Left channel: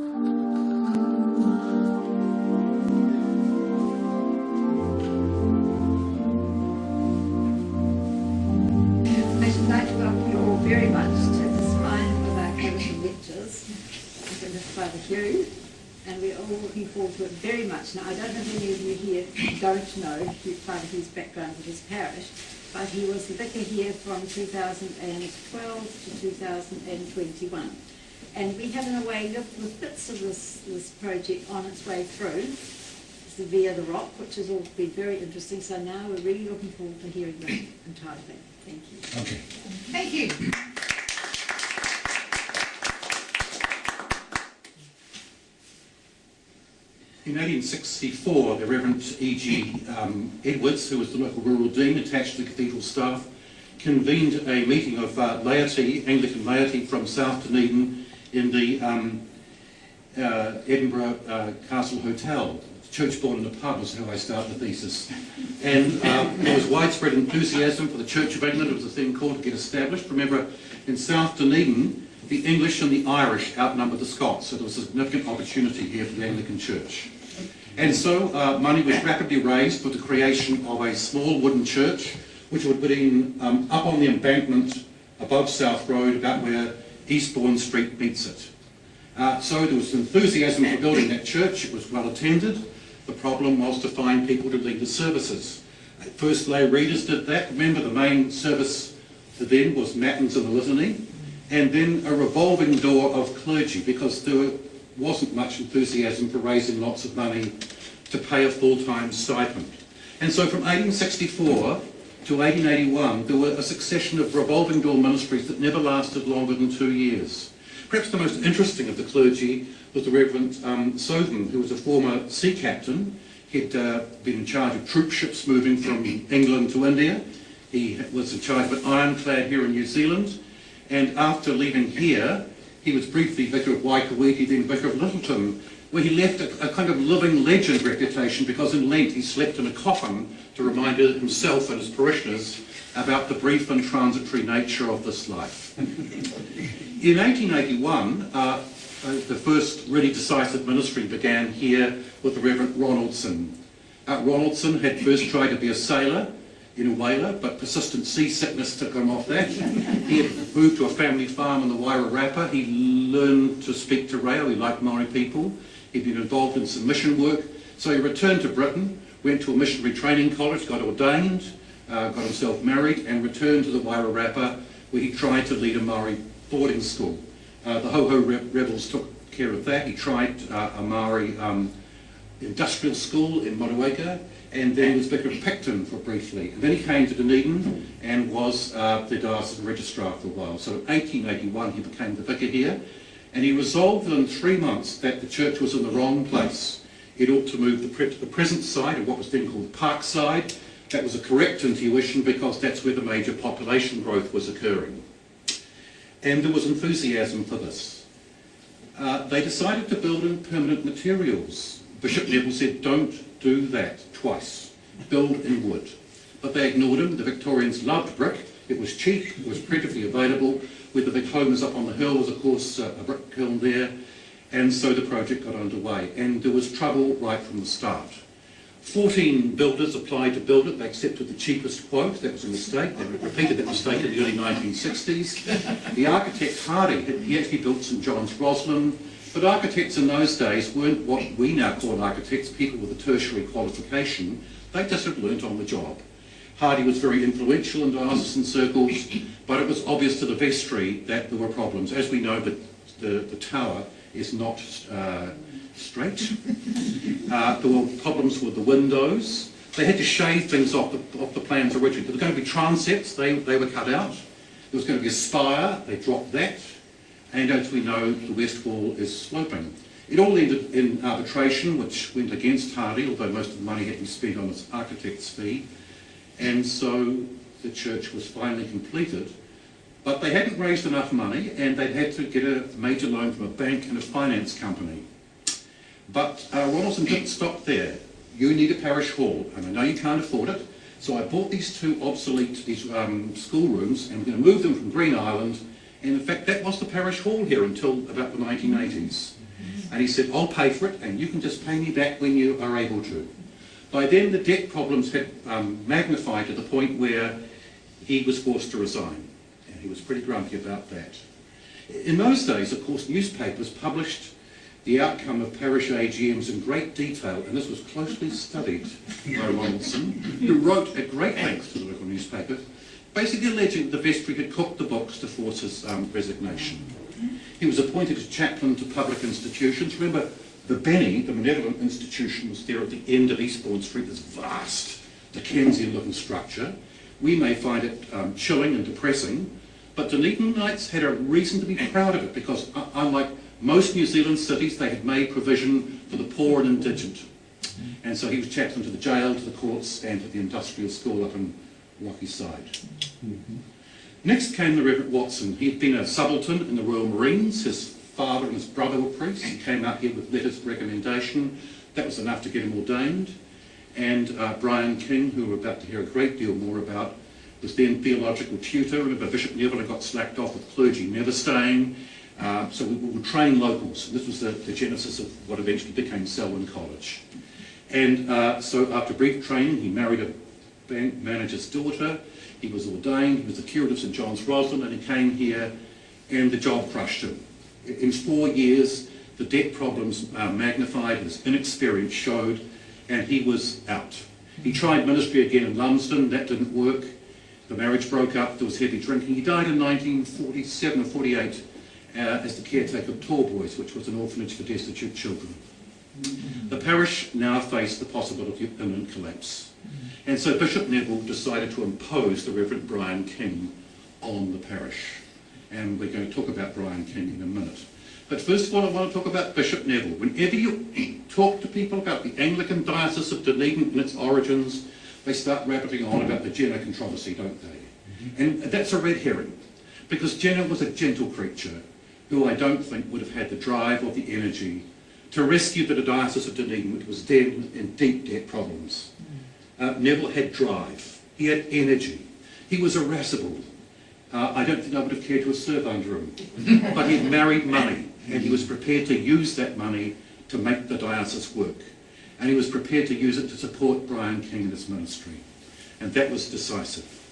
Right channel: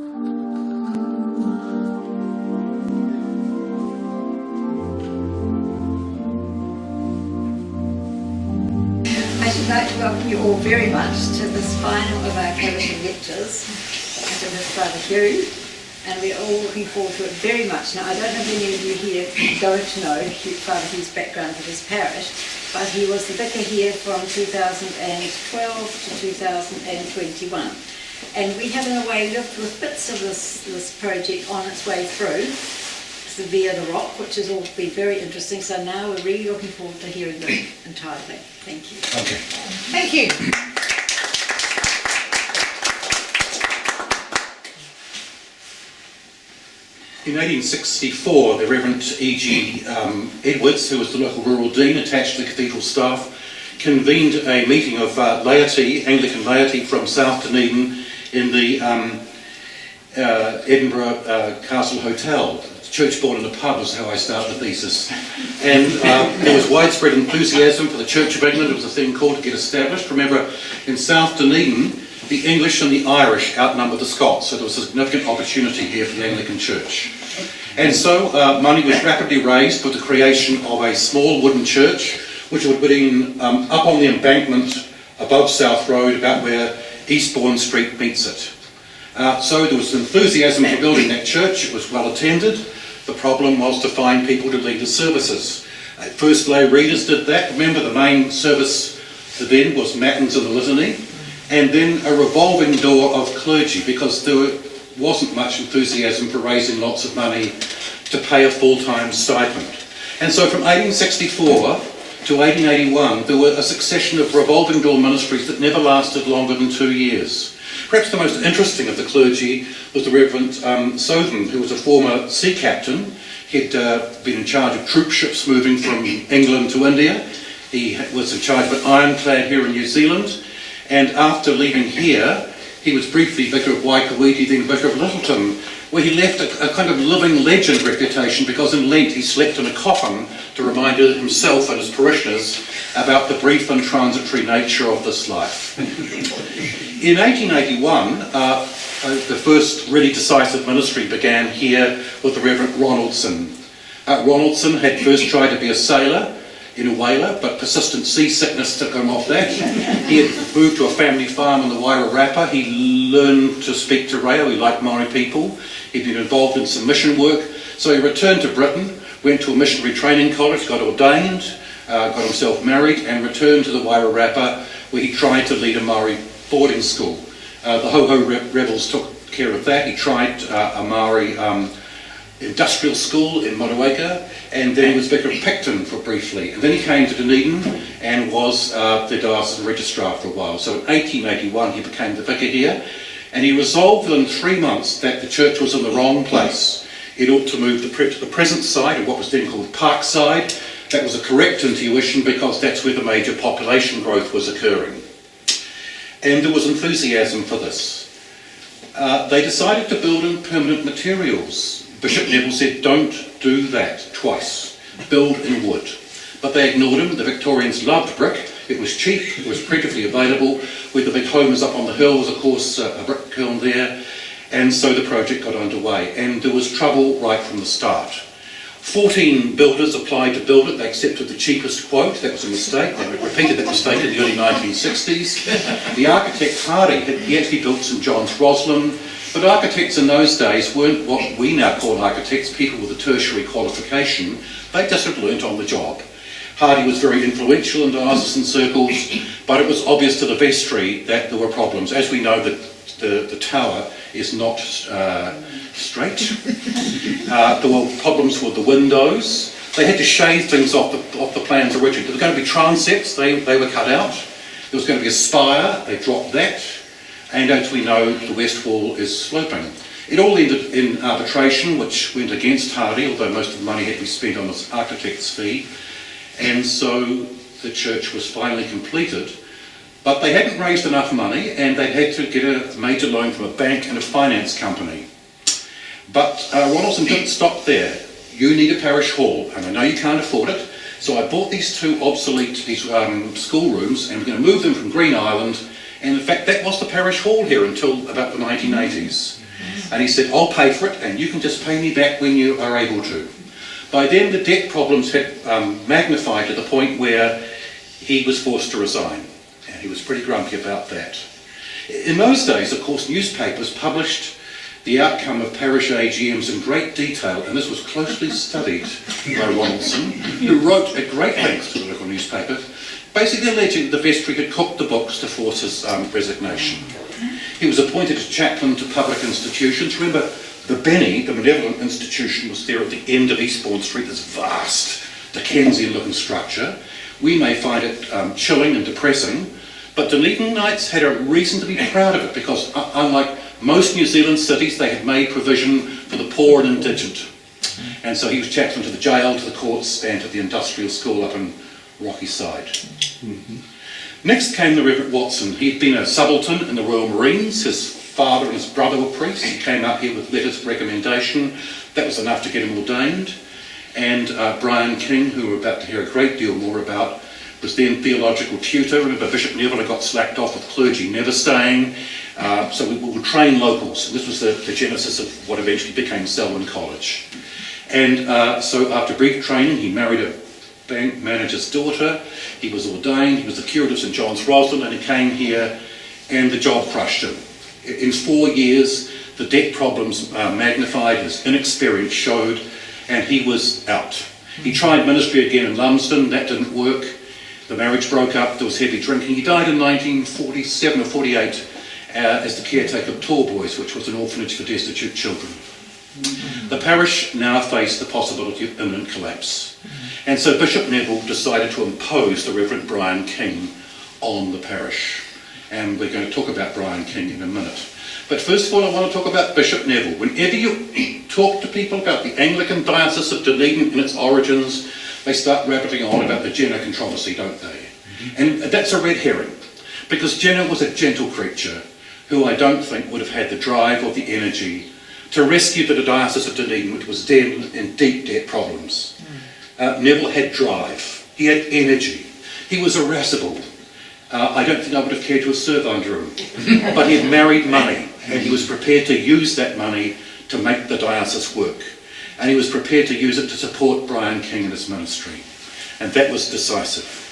I'd like to welcome you all very much to this final of our Caversham lectures with Father Hugh, and we're all looking forward to it very much. Now, I don't know if any of you here don't know Father Hugh's background with his parish, but he was the vicar here from 2012 to 2021. And we have, in a way, lived with bits of this project on its way through, via the rock, which has all been very interesting. So now we're really looking forward to hearing the entire thing. Thank you. Okay. Thank you. In 1864, the Reverend E.G. Edwards, who was the local rural dean attached to the cathedral staff, convened a meeting of laity, Anglican laity from South Dunedin in the Edinburgh Castle Hotel. Church born in a pub is how I start the thesis. And there was widespread enthusiasm for the Church of England. It was a thing called to get established. Remember, in South Dunedin, the English and the Irish outnumbered the Scots, so there was a significant opportunity here for the Anglican Church. And so money was rapidly raised for the creation of a small wooden church, which would have been up on the embankment above South Road, about where Eastbourne Street meets it. So there was enthusiasm for building that church. It was well attended. The problem was to find people to lead the services. First lay readers did that. Remember, the main service then was Matins and the Litany, and then a revolving door of clergy, because there wasn't much enthusiasm for raising lots of money to pay a full-time stipend. And so from 1864 to 1881, there were a succession of revolving door ministries that never lasted longer than 2 years. Perhaps the most interesting of the clergy was the Reverend Southen, who was a former sea captain. He'd been in charge of troop ships moving from England to India. He was in charge of an ironclad here in New Zealand. And after leaving here, he was briefly Vicar of Waikouiti, then Vicar of Littleton, where he left a kind of living legend reputation, because in Lent he slept in a coffin to remind himself and his parishioners about the brief and transitory nature of this life. In 1881, the first really decisive ministry began here with the Reverend Ronaldson. Ronaldson had first tried to be a sailor in a whaler, but persistent seasickness took him off that. He had moved to a family farm in the Wairarapa. He learned to speak te reo. He liked Maori people. He'd been involved in some mission work. So he returned to Britain, went to a missionary training college, got ordained, got himself married, and returned to the Wairarapa, where he tried to lead a Maori boarding school. The Ho-Ho rebels took care of that. He tried a Maori industrial school in Motueka, and then he was Vicar of Picton for briefly. And then he came to Dunedin and was the diocesan registrar for a while. So in 1881 he became the vicar here, and he resolved within 3 months that the church was in the wrong place. It ought to move to the present side of what was then called Parkside. That was a correct intuition, because that's where the major population growth was occurring. And there was enthusiasm for this. They decided to build in permanent materials. Bishop Neville said, don't do that twice. Build in wood. But they ignored him. The Victorians loved brick. It was cheap. It was plentifully available. With the big homes up on the hill was, of course, a brick kiln there. And so the project got underway. And there was trouble right from the start. 14 builders applied to build it. They accepted the cheapest quote. That was a mistake. They repeated that mistake in the early 1960s. The architect Hardy, he actually built St John's Roslin. But architects in those days weren't what we now call architects, people with a tertiary qualification. They just had learnt on the job. Hardy was very influential in diocesan circles, but it was obvious to the vestry that there were problems. As we know, the tower is not straight. There were problems with the windows. They had to shave things off the plans originally. There were going to be transepts, they were cut out. There was going to be a spire, they dropped that. And as we know, the west wall is sloping. It all ended in arbitration, which went against Hardy, although most of the money had to be spent on this architect's fee. And so the church was finally completed. But they hadn't raised enough money, and they had to get a major loan from a bank and a finance company. But Ronaldson didn't stop there. You need a parish hall, and I know you can't afford it. So I bought these two obsolete schoolrooms, and we're going to move them from Green Island. And in fact, that was the parish hall here until about the 1980s. And he said, I'll pay for it and you can just pay me back when you are able to. By then the debt problems had magnified to the point where he was forced to resign. And he was pretty grumpy about that. In those days, of course, newspapers published the outcome of parish AGMs in great detail, and this was closely studied by Ronaldson, who wrote at great length to the local newspaper, basically alleging the vestry had cooked the books to force his resignation. He was appointed as chaplain to public institutions. Remember, the Benny, the benevolent institution, was there at the end of Eastbourne Street, this vast Dickensian-looking structure. We may find it chilling and depressing, but Dunedin Knights had a reason to be proud of it because, unlike most New Zealand cities, they had made provision for the poor and indigent. And so he was chaplain to the jail, to the courts, and to the industrial school up in Rocky Side. Next came the Reverend Watson. He'd been a subaltern in the Royal Marines. His father and his brother were priests. He came up here with letters of recommendation. That was enough to get him ordained. And Brian King, who we're about to hear a great deal more about, was then theological tutor. Remember, Bishop Neville had got slacked off with clergy never staying. So we would train locals. And this was the genesis of what eventually became Selwyn College. And so after brief training, he married a bank manager's daughter. He was ordained. He was the curate of St John's Roslin, and he came here and the job crushed him. In 4 years, the debt problems magnified, his inexperience showed, and he was out. He tried ministry again in Lumsden. That didn't work. The marriage broke up. There was heavy drinking. He died in 1947 or 48 as the caretaker of Tall Boys, which was an orphanage for destitute children. The parish now faced the possibility of imminent collapse. And so Bishop Neville decided to impose the Reverend Brian King on the parish. And we're going to talk about Brian King in a minute. But first of all, I want to talk about Bishop Neville. Whenever you talk to people about the Anglican Diocese of Dunedin and its origins, they start rabbiting on about the Jenner controversy, don't they? And that's a red herring, because Jenner was a gentle creature who I don't think would have had the drive or the energy to rescue the Diocese of Dunedin, which was in deep debt problems. Neville had drive, he had energy, he was irascible. I don't think I would have cared to have served under him, but he had married money, and he was prepared to use that money to make the diocese work. And he was prepared to use it to support Brian King and his ministry. And that was decisive.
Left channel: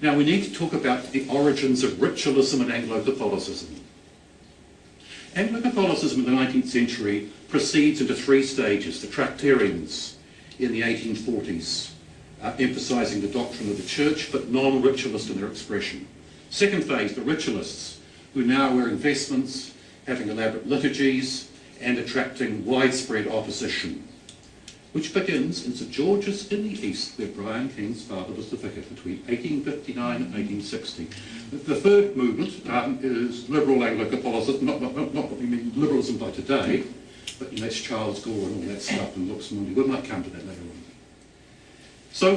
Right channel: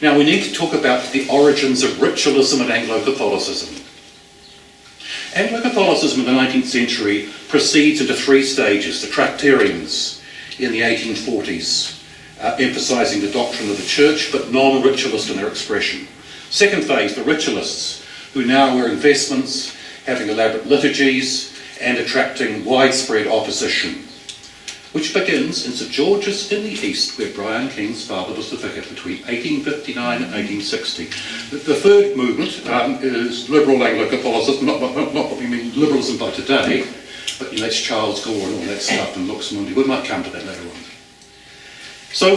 Now we need to talk about the origins of ritualism and Anglo-Catholicism. Anglo-Catholicism in the 19th century proceeds into 3 stages. The Tractarians in the 1840s, emphasising the doctrine of the church, but non-ritualist in their expression. Second phase, the ritualists, who now wear investments, having elaborate liturgies, and attracting widespread opposition, which begins in St George's in the East, where Brian King's father was the vicar between 1859 and 1860. The third movement is liberal Anglo-Catholicism, not what we mean liberalism by today, but that's Charles Gore and all that stuff, and Lux Mundi. We might come to that later on. So,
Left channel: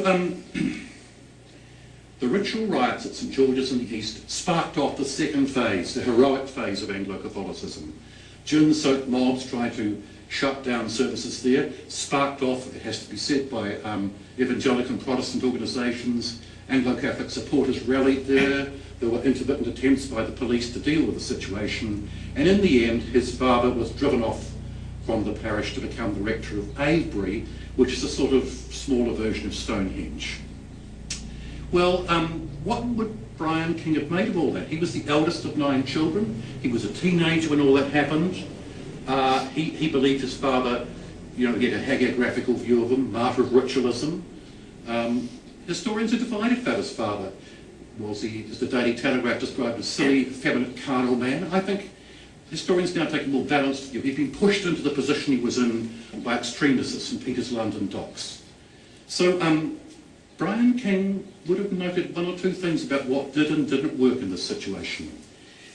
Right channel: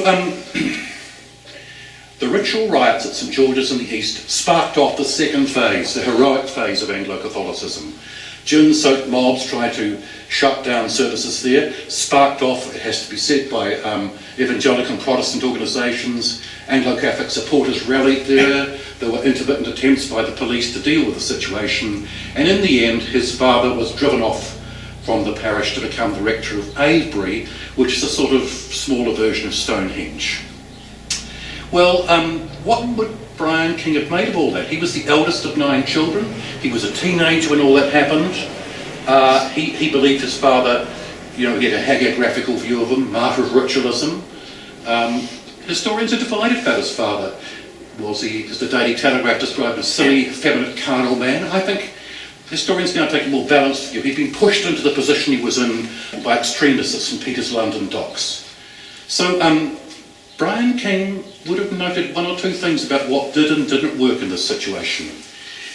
the ritual riots at St George's in the East sparked off the second phase, the heroic phase of Anglo-Catholicism. Gin-soaked mobs tried to shut down services there, sparked off, it has to be said, by evangelical and Protestant organisations. Anglo-Catholic supporters rallied there. There were intermittent attempts by the police to deal with the situation, and in the end his father was driven off from the parish to become the rector of Avebury, which is a sort of smaller version of Stonehenge. Well, what would Brian King have made of all that? He was the eldest of 9 children. He was a teenager when all that happened. He believed his father, he had a hagiographical view of him, martyr of ritualism. Historians are divided about his father. Was he, as the Daily Telegraph described, a silly, effeminate, carnal man? I think historians now take a more balanced view. He'd been pushed into the position he was in by extremists at St Peter's London docks. So Brian King would have noted 1 or 2 things about what did and didn't work in this situation.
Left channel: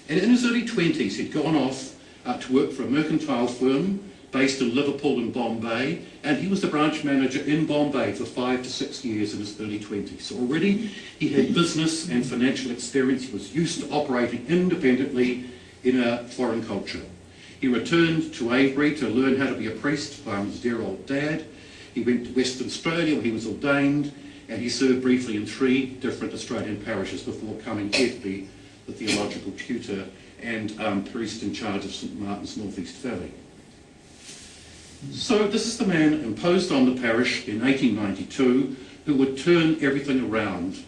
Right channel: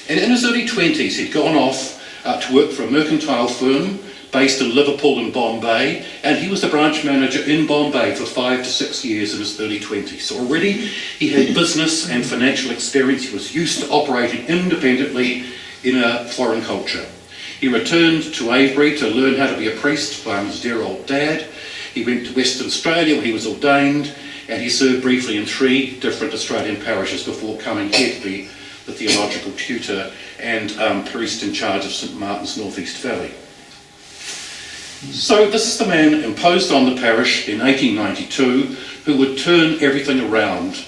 And in his early 20s, he'd gone off to work for a mercantile firm based in Liverpool and Bombay, and he was the branch manager in Bombay for 5 to 6 years in his early 20s. So already he had business and financial experience. He was used to operating independently in a foreign culture. He returned to Avebury to learn how to be a priest by his dear old dad. He went to Western Australia where he was ordained, and he served briefly in 3 different Australian parishes before coming here to be the theological tutor and priest in charge of St Martin's North East Valley. So this is the man imposed on the parish in 1892 who would turn everything around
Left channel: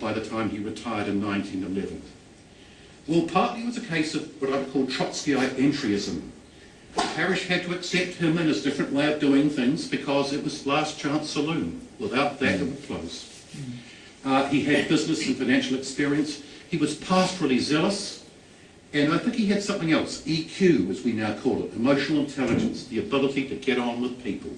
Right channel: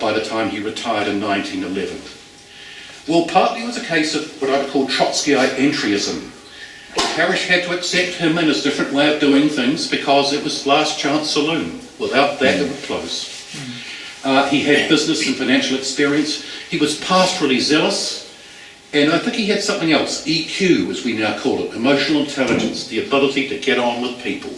by the time he retired in 1911. Well, partly it was a case of what I would call Trotskyite entryism. The parish had to accept him and his different way of doing things because it was last chance saloon. Without that, it would close. He had business and financial experience. He was pastorally zealous. And I think he had something else, EQ as we now call it, emotional intelligence, the ability to get on with people.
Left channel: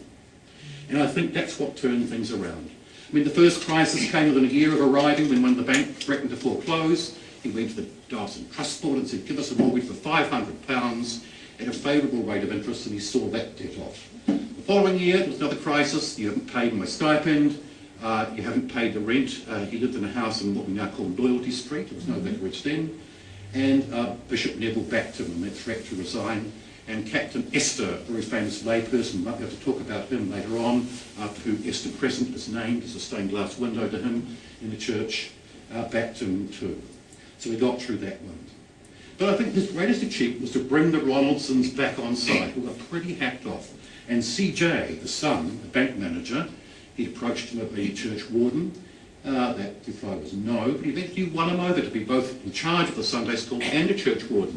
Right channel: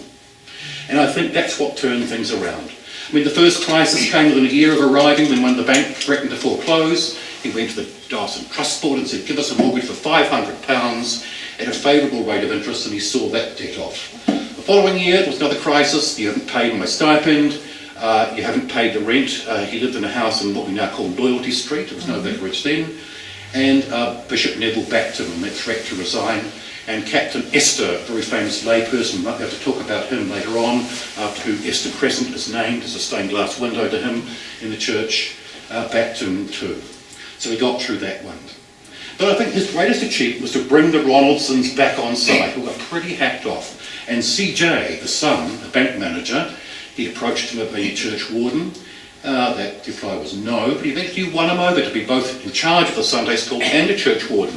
And I think that's what turned things around. I mean, the first crisis came within a year of arriving when one of the bank threatened to foreclose. He went to the Dawson Trust Board and said, give us a mortgage for £500 at a favourable rate of interest, and he saw that debt off. The following year, there was another crisis. You haven't paid my stipend. You haven't paid the rent. He lived in a house in what we now call Loyalty Street. There was no vicarage then. And Bishop Neville backed him on that threat to resign. And Captain Esther, a very famous layperson, we might be able to talk about him later on, after who Esther Crescent is named. There's a stained glass window to him in the church, backed him too. So he got through that one. But I think his greatest achievement was to bring the Ronaldsons back on side, who were pretty hacked off. And CJ, the son, the bank manager, he approached him about being church warden. That reply was no, but he eventually won him over to be both in charge of the Sunday school and a church warden.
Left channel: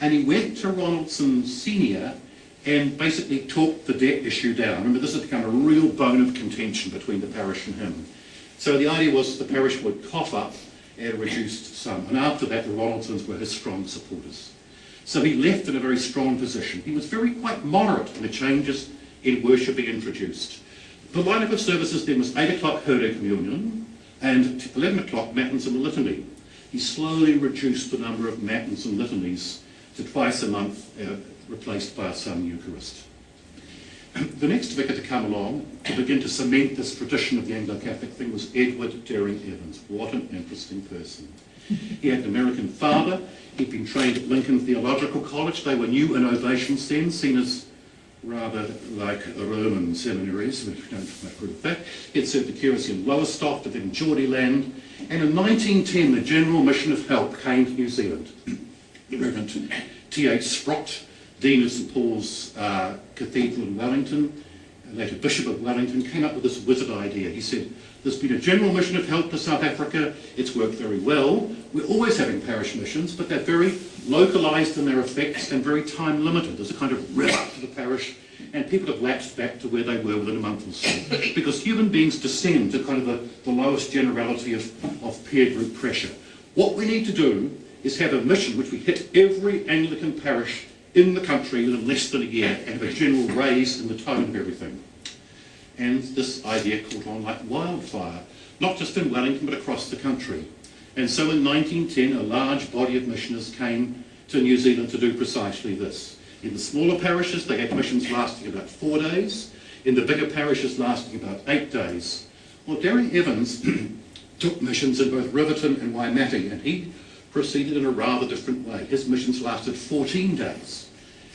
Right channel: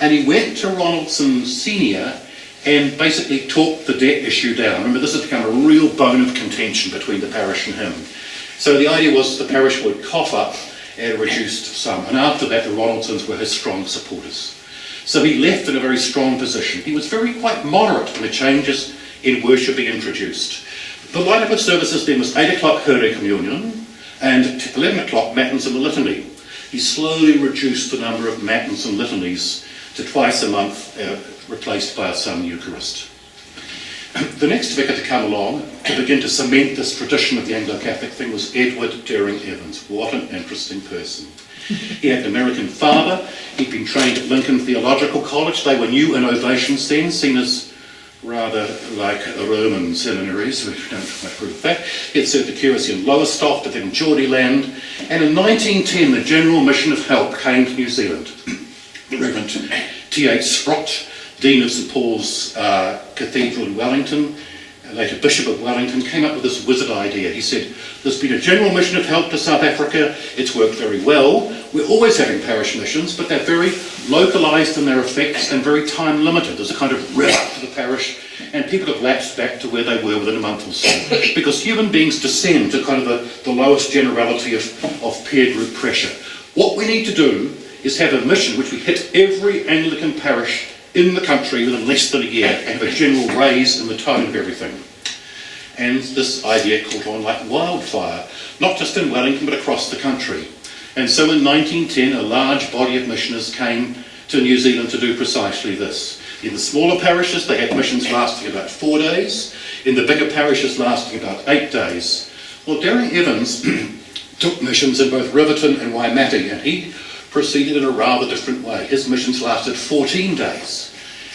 And he went to Ronaldson Senior and basically talked the debt issue down. Remember, this has become a real bone of contention between the parish and him. So the idea was the parish would cough up at a reduced sum. And after that, the Ronaldsons were his strong supporters. So he left in a very strong position. He was quite moderate when the changes in worship he introduced. The lineup of services then was 8 o'clock Hurry Communion and 11 o'clock Matins and the Litany. He slowly reduced the number of Matins and Litanies to twice a month, replaced by a Sun Eucharist. The next vicar to come along to begin to cement this tradition of the Anglo-Catholic thing was Edward Deering Evans. What an interesting person. He had an American father. He'd been trained at Lincoln Theological College. They were new innovations then, seen as rather like Roman seminaries. We don't approve of that. He had served the curacy in Lowestoft, but then in Geordieland. And in 1910, the General Mission of Help came to New Zealand. The Reverend T.H. Sprott, Dean of St Paul's Cathedral in Wellington, later Bishop of Wellington, came up with this wizard idea. He said, there's been a general mission of help to South Africa. It's worked very well. We're always having parish missions, but they're very localised in their effects and very time limited. There's a kind of rev up to the parish, and people have lapsed back to where they were within a month or so. Because human beings descend to kind of the lowest generality of peer group pressure. What we need to do is have a mission which we hit every Anglican parish in the country within less than a year and have a general raise in the tone of everything. And this idea caught on like wildfire, not just in Wellington but across the country. And so in 1910 a large body of missioners came to New Zealand to do precisely this. In the smaller parishes they had missions lasting about 4 days, in the bigger parishes lasting about 8 days. Well, Deering Evans took missions in both Riverton and Waimate, and he proceeded in a rather different way. His missions lasted 14 days.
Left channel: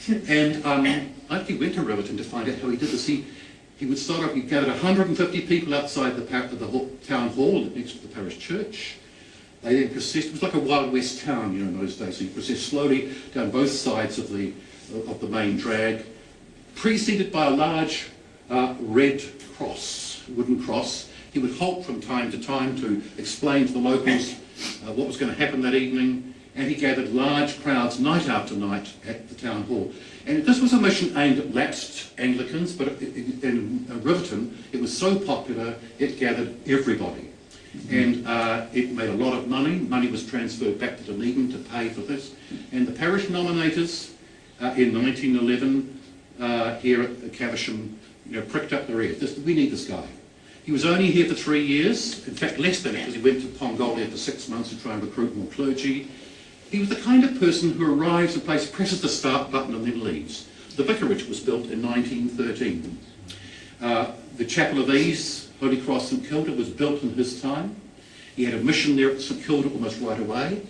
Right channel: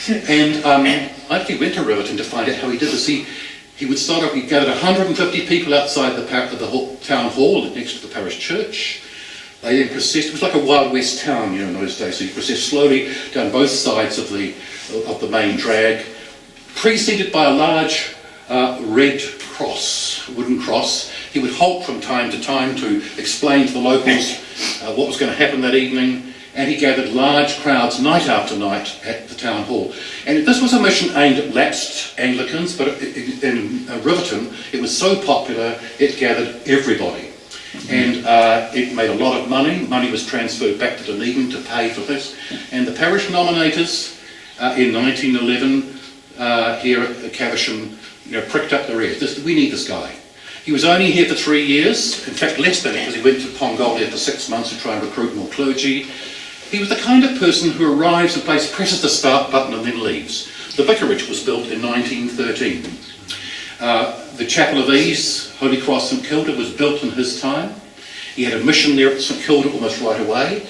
And I actually went to Riverton to find out how he did this. He would start off, he gathered 150 people outside the town hall next to the parish church. They then processed, it was like a Wild West town, in those days, so he processed slowly down both sides of the main drag, preceded by a large red cross, wooden cross. He would halt from time to time to explain to the locals what was going to happen that evening, and he gathered large crowds night after night at the town hall. And this was a mission aimed at lapsed Anglicans, but in Riverton it was so popular it gathered everybody. And it made a lot of money. Money was transferred back to Dunedin to pay for this. And the parish nominators in 1911 here at Caversham pricked up their ears. We need this guy. He was only here for 3 years, in fact less than it, because he went to Pongolia for 6 months to try and recruit more clergy. He was the kind of person who arrives at a place, presses the start button and then leaves. The vicarage was built in 1913. The Chapel of Ease, Holy Cross St Kilda, was built in his time. He had a mission there at St Kilda almost right away.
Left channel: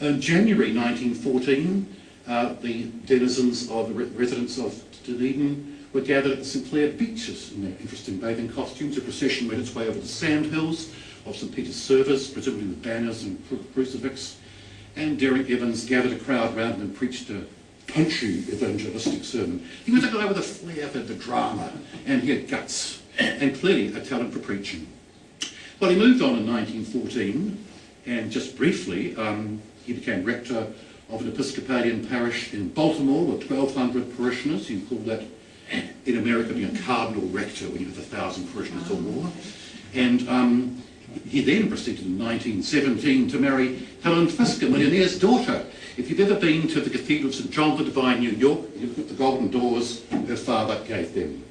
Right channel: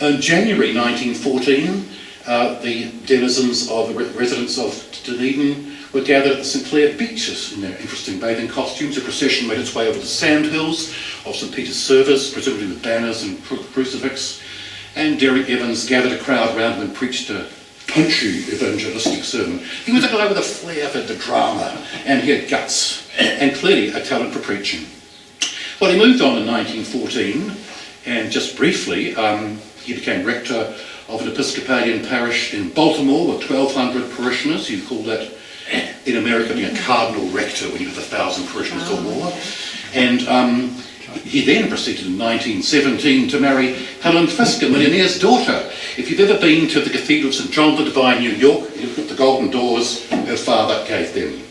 In January 1914, the denizens of the residents of Dunedin were gathered at the St Clair beaches in their interesting bathing costumes. A procession made its way over the sandhills of St Peter's service, presumably with banners and crucifix. And Deering Evans gathered a crowd around him and preached a punchy evangelistic sermon. He was a guy with a flair for the drama, and he had guts, and clearly a talent for preaching. Well, he moved on in 1914, and just briefly, he became rector of an Episcopalian parish in Baltimore with 1,200 parishioners. You call that, in America, being a cardinal rector when you have 1,000 parishioners or more. And he then proceeded in 1917 to marry Helen Fiske, a millionaire's daughter. If you've ever been to the Cathedral of St. John the Divine, New York, you look at the golden doors her father gave them.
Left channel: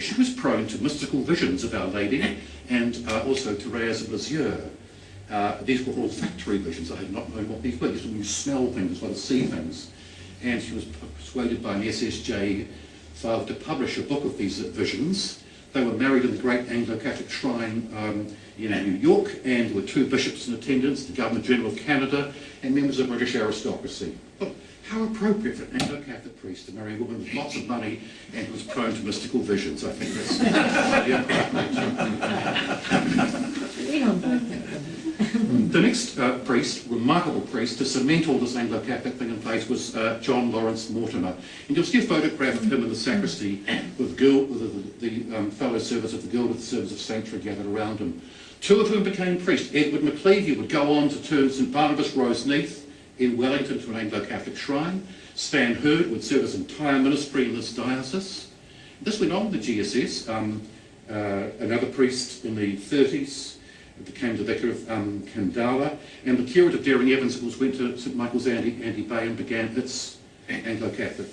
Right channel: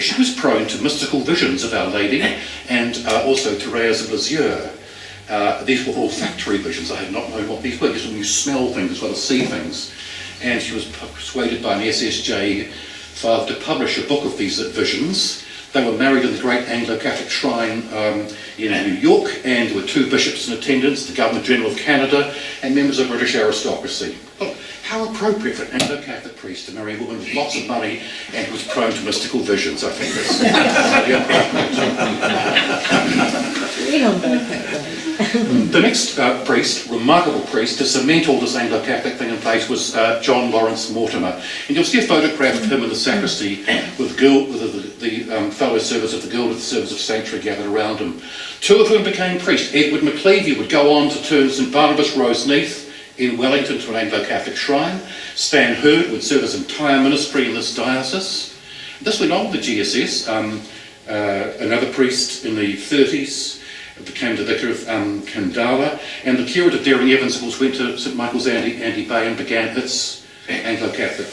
She was prone to mystical visions of Our Lady and also Thérèse of Lisieux. These were olfactory visions. I had not known what these were. Just when you smell things as well as see things. And she was persuaded by an SSJ father to publish a book of these visions. They were married in the great Anglo-Catholic shrine in New York, and there were 2 bishops in attendance, the Governor-General of Canada, and members of British aristocracy. Well, how appropriate for an Anglo-Catholic priest to marry a woman with lots of money and who was prone to mystical visions. I think that's The next priest, remarkable priest, to cement all this Anglo-Catholic thing in place was John Lawrence Mortimer. And you'll see a photograph of him in the sacristy with the fellow servers of the Guild of the Service of Sanctuary gathered around him. 2 of whom became priests. Edward McLeavy would go on to turn St Barnabas Roseneath in Wellington to an Anglo-Catholic shrine. Stan Hurd would serve his entire ministry in this diocese. This went on with the GSS. Another priest in the 30s became the Vicar of Kandala, and the curate of Daring Evans, of course, went to St Michael's Andy Bay and began its Anglo-Catholic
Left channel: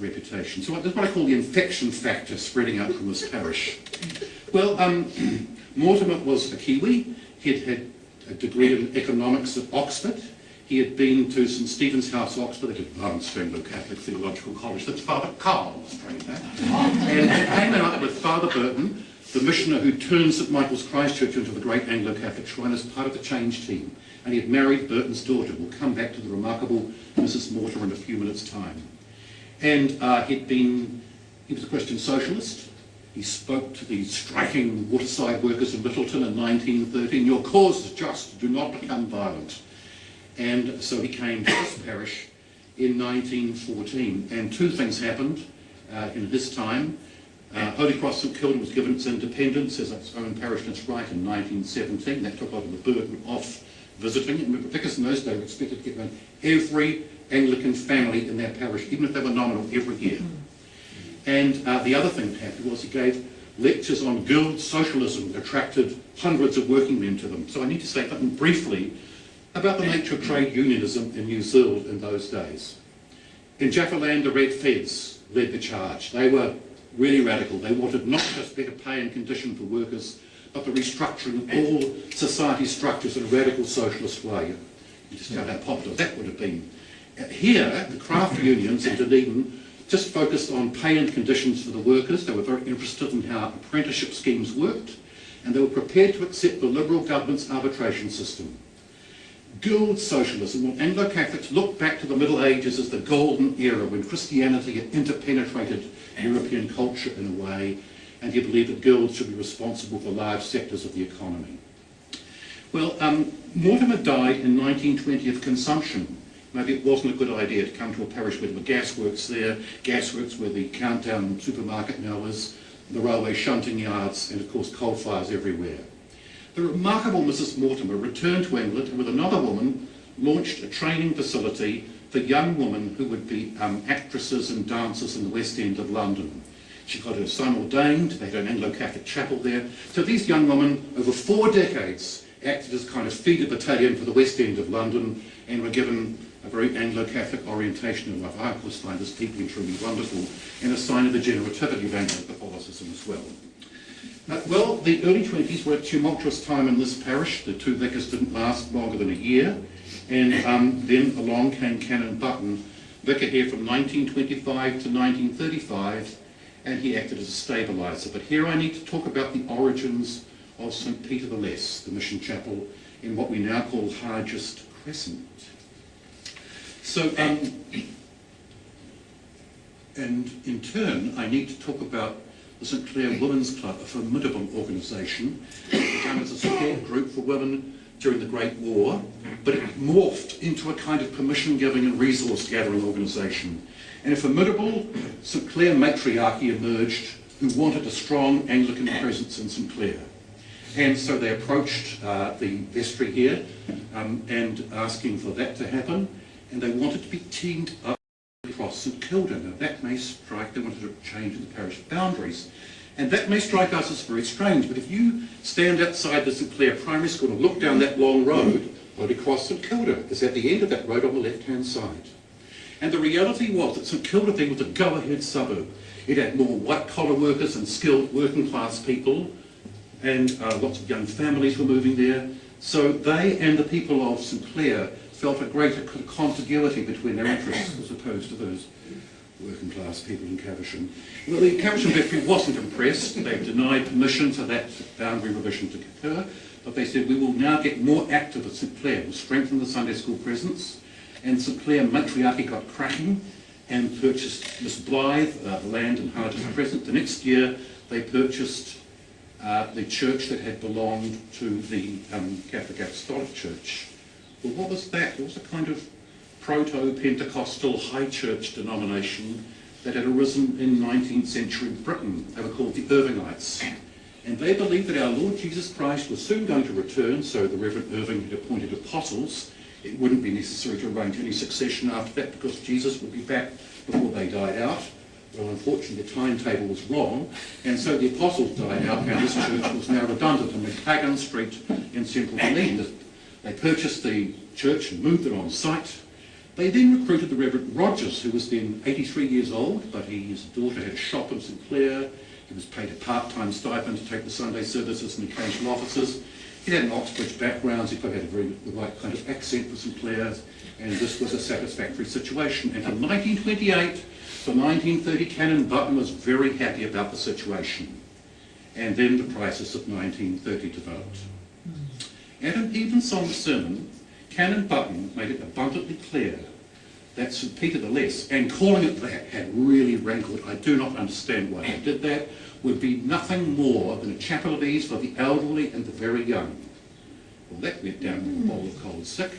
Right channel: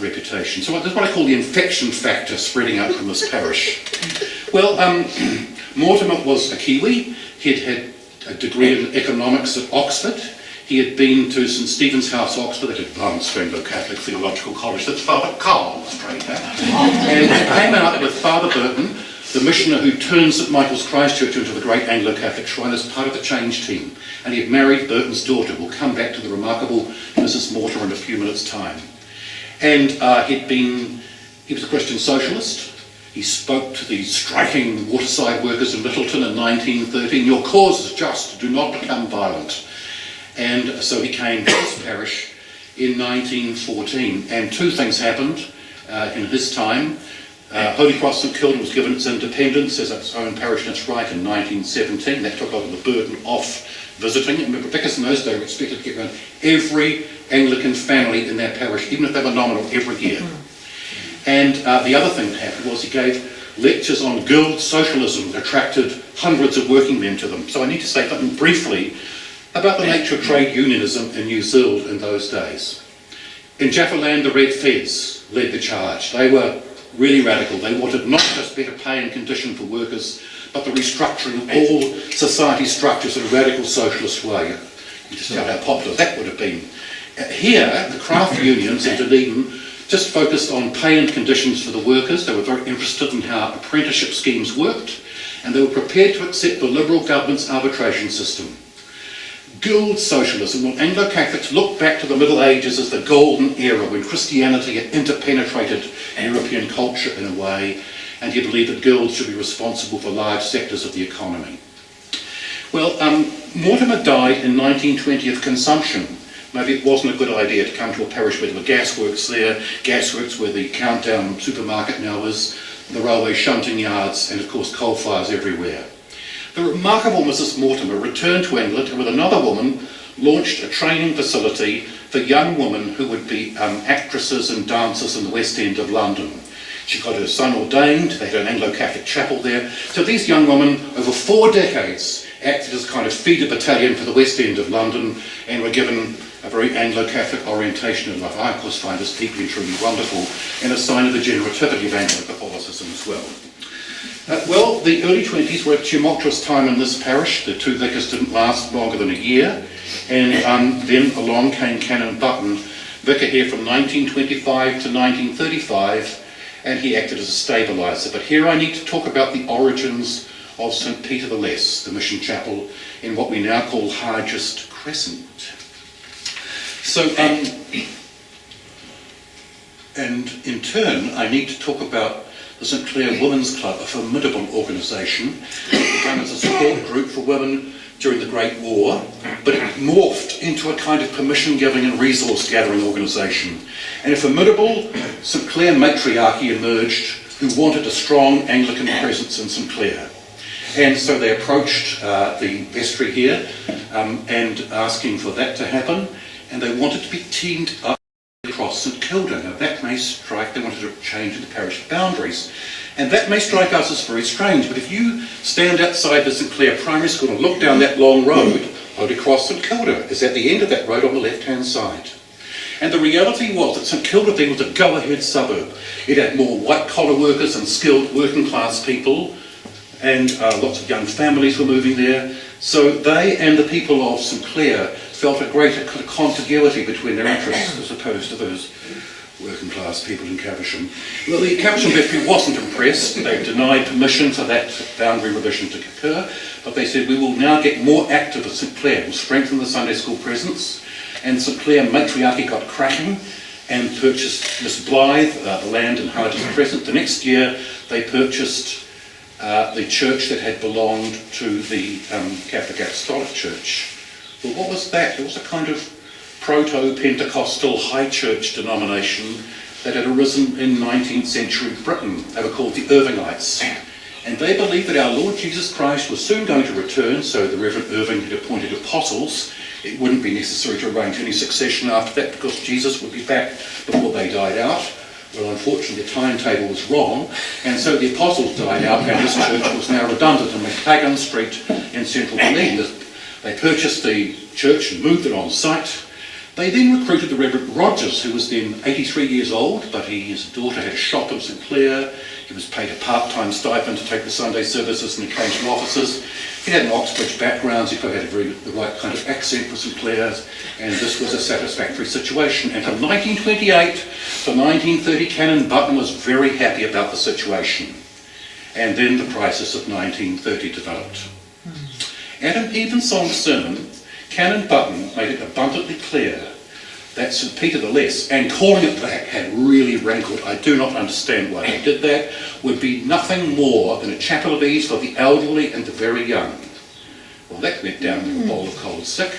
reputation. So that's what I call the infection factor spreading out from this parish. Well, Mortimer was a Kiwi. He'd had a degree in economics at Oxford. He had been to St Stephen's House, Oxford, that advanced Anglo-Catholic theological college that Father Carl was trained at. And he came out with Father Burton, the missioner who turned St Michael's Christchurch into the great Anglo-Catholic shrine, as part of the change team. And he had married Burton's daughter. We'll come back to the remarkable Mrs Mortimer in a few minutes' time. And he was a Christian socialist. He spoke to the striking waterside workers in Littleton in 1913. Your cause is just, do not become violent. And so he came to this parish in 1914. And 2 things happened in his time. Holy Cross St Kilda was given its independence as its own parish in its right in 1917. That took a lot of the burden off visiting. And remember, vicars in those days were expected to get around every Anglican family in their parish, even if they were nominal, every year. And the other thing that happened was he gave lectures on guild socialism that attracted hundreds of working men to them. So I need to say something briefly about the nature of trade unionism in New Zealand in those days. In Jaffaland, the Red Feds led the charge. They were really radical. They wanted not just better pay and condition for workers, but the restructuring of all society structures in a radical socialist way. You just know how popular that would have been. Here, the craft unions in Dunedin just focused on pay and conditions for the workers. They were very interested in how apprenticeship schemes worked, and they were prepared to accept the Liberal government's arbitration system. Guild socialism, when Anglo-Catholics look back to the Middle Ages as the golden era when Christianity had interpenetrated European culture in a way, and he believed that guilds should be responsible for large sectors of the economy. Well, Mortimer died in 1920 of consumption. Maybe it wasn't a good idea to come to a parish where there were gasworks there, gasworks where the Countdown supermarket now is, the railway shunting yards, and of course coal fires everywhere. The remarkable Mrs Mortimer returned to England and with another woman launched a training facility for young women who would be actresses and dancers in the West End of London. She got her son ordained, they had an Anglo-Catholic chapel there. So these young women, over 4 decades, acted as kind of feeder battalion for the West End of London and were given a very Anglo-Catholic orientation in life. I, of course, find this deeply and truly wonderful and a sign of the generativity of Anglo-Catholicism as well. Well, the early 20s were a tumultuous time in this parish. The 2 vicars didn't last longer than a year. And then along came Canon Button, vicar here from 1925 to 1935, and he acted as a stabiliser. But here I need to talk about the origins of St Peter the Less, the mission chapel in what we now call Hargest Crescent. So And in turn, I need to talk about the St Clair Women's Club, a formidable organisation, begun as a support group for women during the Great War, but it morphed into a kind of permission-giving and resource-gathering organisation. And a formidable St Clair matriarchy emerged who wanted a strong Anglican presence in St Clair. And so they approached the vestry here and asking for that to happen, and they wanted to be teamed up across St Kilda. Now that may strike, they wanted to change the parish boundaries. And that may strike us as very strange, but if you stand outside the St Clair Primary School and look down that long road across St Kilda, is at the end of that road on the left-hand side. And the reality was that St Kilda then was a go-ahead suburb. It had more white-collar workers and skilled working-class people, and lots of young families were moving there. So they and the people of St Clair felt a greater contiguity between their interests as opposed to those working class people in Caversham. Well, the Caversham vestry wasn't impressed. They denied permission for that boundary revision to occur, but they said we will now get more active at St Clair. We'll strengthen the Sunday school presence. And St Clair matriarchy got cracking and purchased Miss Blythe, the land in Hardy's Crescent. The next year they purchased the church that had belonged to the Catholic Apostolic Church. Well, what was that? It was a kind of proto-Pentecostal high church denomination that had arisen in 19th century Britain. They were called the Irvingites. And they believed that our Lord Jesus Christ was soon going to return, so the Reverend Irving had appointed apostles. It wouldn't be necessary to arrange any succession after that because Jesus would be back before they died out. Well, unfortunately, the timetable was wrong, and so the apostles died out, and this church was now redundant in McTaggart Street in central Dunedin. They purchased the church and moved it on site. They then recruited the Reverend Rogers, who was then 83 years old, but his daughter had a shop in St Clair. He was paid a part-time stipend to take the Sunday services and occasional offices. He had an Oxbridge background, so he probably had the right kind of accent for St Clair, and this was a satisfactory situation. And from 1928 to 1930, Canon Button was very happy about the situation. And then the crisis of 1930 developed. At an evensong sermon, Canon Button made it abundantly clear that St Peter the Less, and calling it that had really rankled. I do not understand why they did that, would be nothing more than a chapel of ease for the elderly and the very young. Well, that went down with a bowl of cold sick.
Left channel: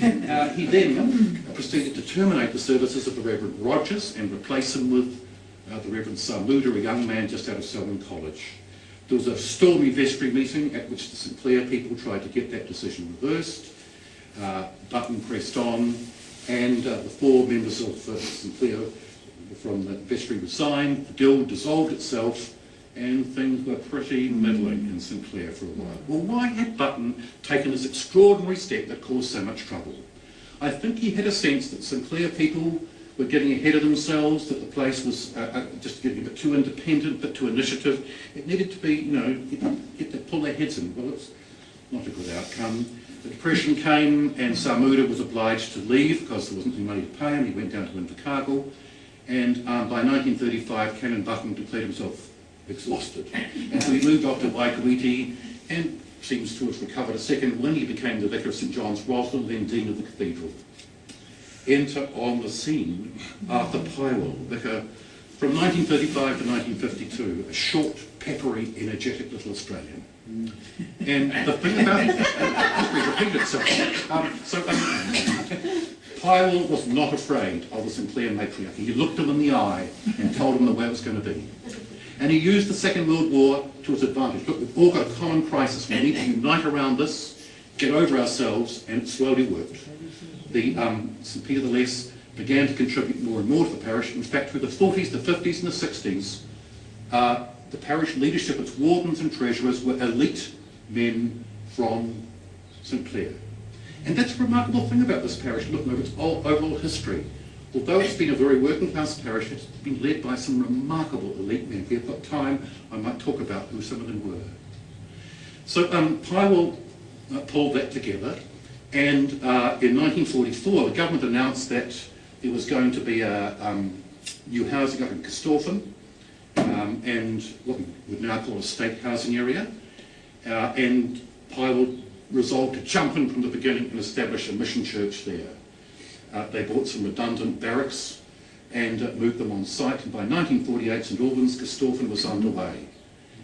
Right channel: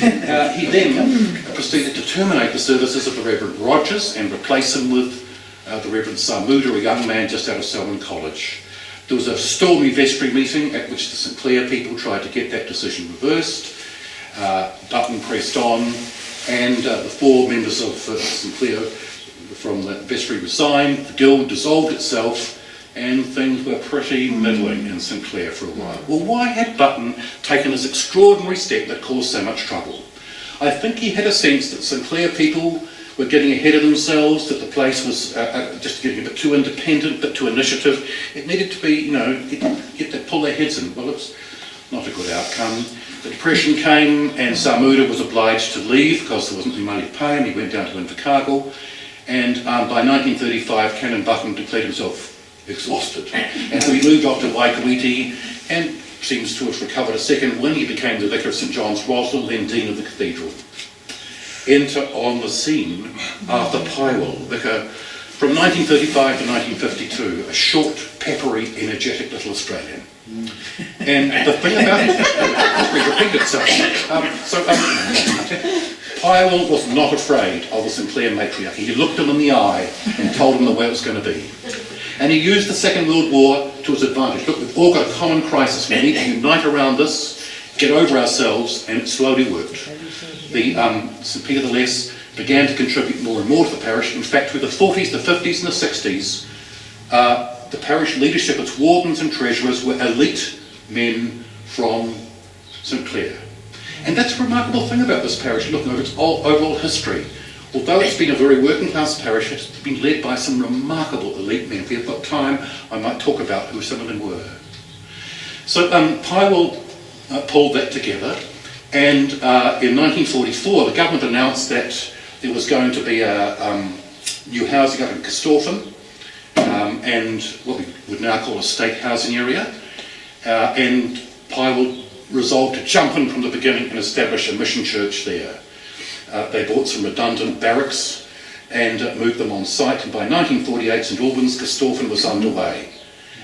He then proceeded to terminate the services of the Reverend Rogers and replace him with the Reverend Samuda, a young man just out of Selwyn College. There was a stormy vestry meeting at which the St Clair people tried to get that decision reversed. Button pressed on, and the four members of St Clair from the vestry resigned. The guild dissolved itself, and things were pretty middling in St Clair for a while. Well, why had Button taken this extraordinary step that caused so much trouble? I think he had a sense that St Clair people were getting ahead of themselves, that the place was just getting a bit too independent, a bit too initiative. It needed to be, get to pull their heads in. Well, it's not a good outcome. The Depression came, and Samuda was obliged to leave because there wasn't any money to pay him. He went down to Invercargill, and by 1935, Canon Button declared himself exhausted, and so he moved off to Waikouiti and seems to have recovered a second when he became the Vicar of St John's Roslin, then Dean of the Cathedral. Enter on the scene Arthur Pywell, vicar from 1935 to 1952, a short, peppery, energetic little Australian. And the thing about it, history repeated itself. Pywell was not afraid of the St Clair matriarchy. He looked them in the eye and told them the way it was going to be. And he used the Second World War to his advantage. Look, we've all got a common crisis. We need to unite around this, get over ourselves, and it slowly worked. The St Peter the Less began to contribute more and more to the parish. In fact, through the 40s, the 50s and the 60s, the parish leadership, its wardens and treasurers, were elite men from St Clair. And that's a remarkable thing about this parish, looking over its overall history. Although it's been a very working class parish, it's been led by some remarkable elite men. If we've got time, I might talk about who some of them were. So Pywell pulled that together, and in 1944 the government announced that there was going to be a new housing up in Castorpham, and what we would now call a state housing area, and Pywell resolved to jump in from the beginning and establish a mission church there. They bought some redundant barracks and moved them on site. And by 1948, St Albans, Corstorphine was underway.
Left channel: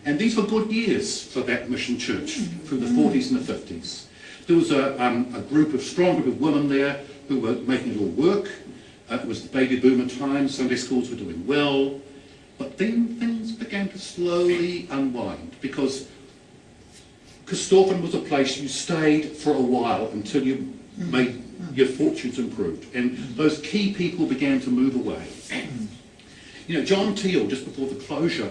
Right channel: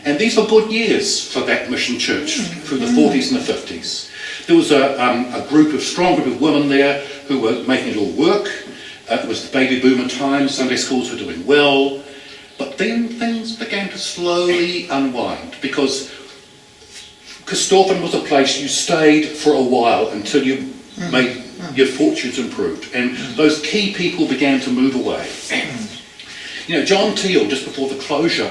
And these were good years for that mission church through the 40s and the 50s. There was a strong group of women there who were making it all work. It was the baby boomer time, Sunday schools were doing well. But then things began to slowly unwind, because Corstorphine was a place you stayed for a while until you made your fortunes improved. And those key people began to move away. You know, John Teal, just before the closure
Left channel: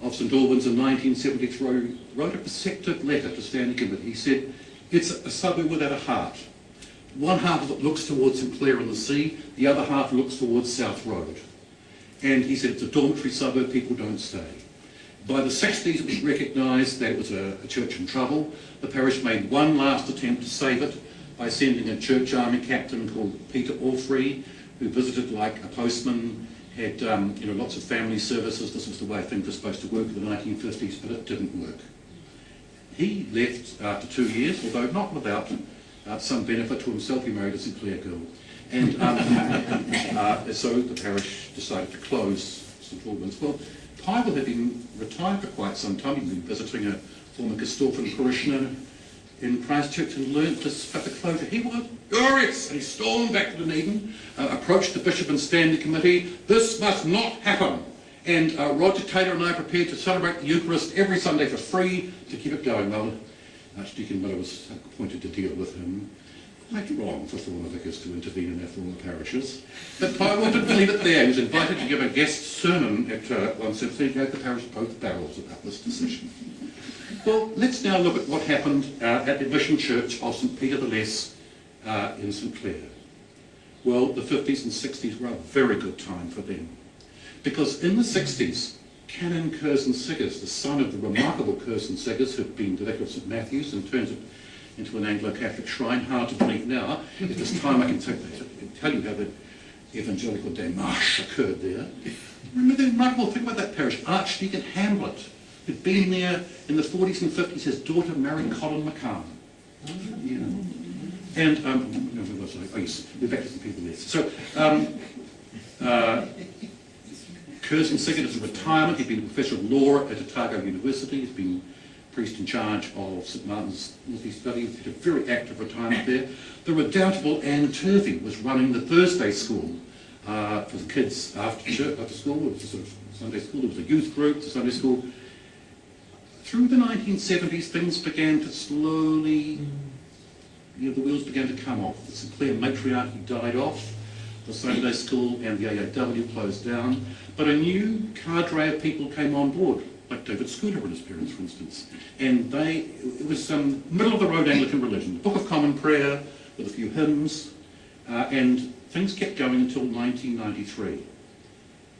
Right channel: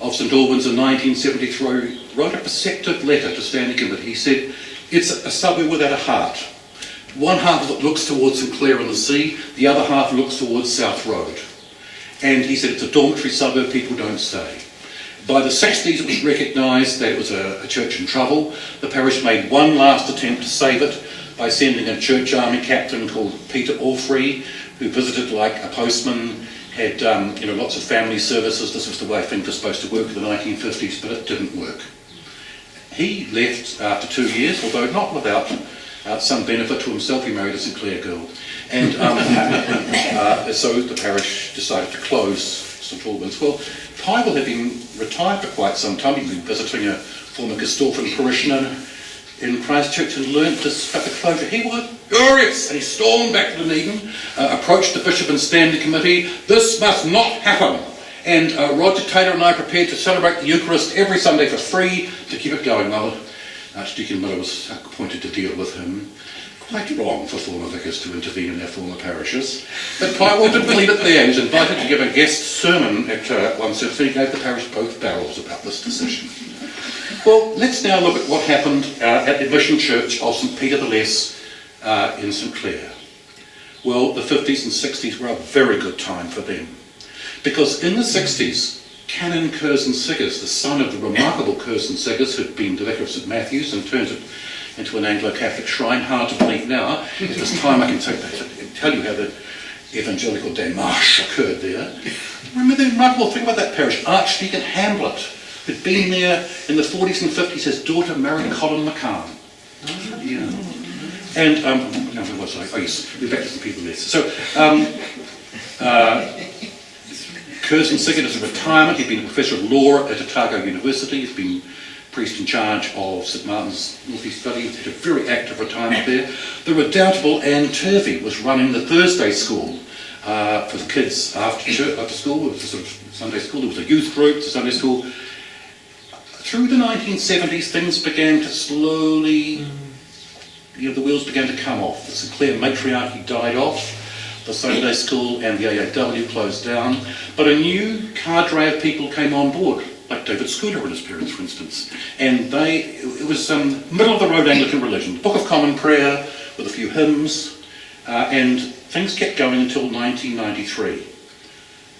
of St Albans in 1973, wrote a perceptive letter to Standing Committee. He said, it's a suburb without a heart. One half of it looks towards St Clair and the sea, the other half looks towards South Road. And he said it's a dormitory suburb, people don't stay. By the 60s it was recognised that it was a church in trouble. The parish made one last attempt to save it by sending a church army captain called Peter Orfrey, who visited like a postman, had lots of family services. This was the way things were supposed to work in the 1950s, but it didn't work. He left after 2 years, although not without some benefit to himself. He married a St Clair girl. And so the parish decided to close St Albans. Well, Pybel had been retired for quite some time. He'd been visiting a former Corstorphine parishioner in Christchurch and learnt this about the closure. He was furious, and he stormed back to Dunedin, approached the Bishop and Standing Committee. This must not happen. And Roger Taylor and I prepared to celebrate the Eucharist every Sunday for free to keep it going. Well, Archdeacon Miller was appointed to deal with him. Quite wrong for former vicars to intervene in their former parishes. But Pybel didn't leave it there. He was invited to give a guest sermon at one service. He gave the parish both barrels about this decision. Well, let's now look at what happened at the mission church of St Peter the Less in St Clair. Well, the 50s and 60s were a very good time for them. Because in the 60s, Canon Curzon Siggers, the son of the remarkable Curzon Siggers, who'd been the Vicar of St Matthew's and turned it into an Anglo-Catholic shrine, hard to believe now. At this time I can tell you how the evangelical démarche occurred there. Remember the remarkable thing about that parish? Archdeacon Hamblett, who'd been there in the 40s and 50s, his daughter married Colin McCann. Yeah. And, where was I? Oh yes, we're back to St Peter Less. So, Curzon Siggers is a retirement. He'd been a professor of law at Otago University. He's been priest in charge of St Martin's North East Study. He's had a very active retirement there. The redoubtable Anne Turvey was running the Thursday school for the kids after school. It was a sort of Sunday school. There was a youth group, the Sunday school. Through the 1970s, things began to slowly, the wheels began to come off. The St Clair matriarchy died off. The Sunday school and the AAW closed down. But a new cadre of people came on board, like David Scooter and his parents, for instance. And it was middle of the road Anglican religion, Book of Common Prayer with a few hymns, and things kept going until 1993.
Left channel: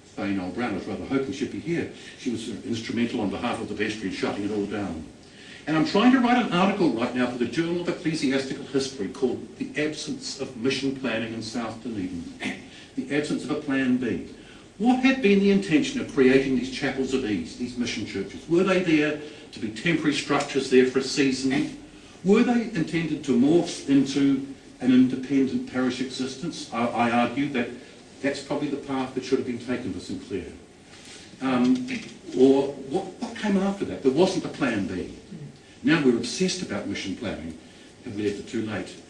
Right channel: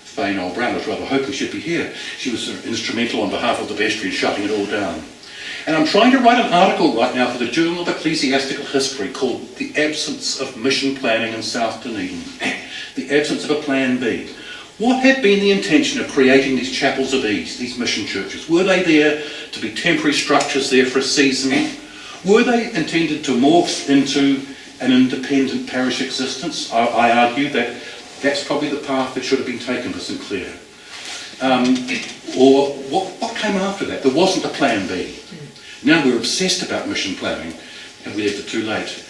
Fane Old Brown was rather hoping she'd be here. She was sort of instrumental on behalf of the vestry in shutting it all down. And I'm trying to write an article right now for the Journal of Ecclesiastical History called The Absence of Mission Planning in South Dunedin. The absence of a plan B. What had been the intention of creating these chapels of ease, these mission churches? Were they there to be temporary structures there for a season? Were they intended to morph into an independent parish existence? I argue that that's probably the path that should have been taken for St Clair. Or what came after that? There wasn't a plan B. Now we're obsessed about mission planning, and we left it too late.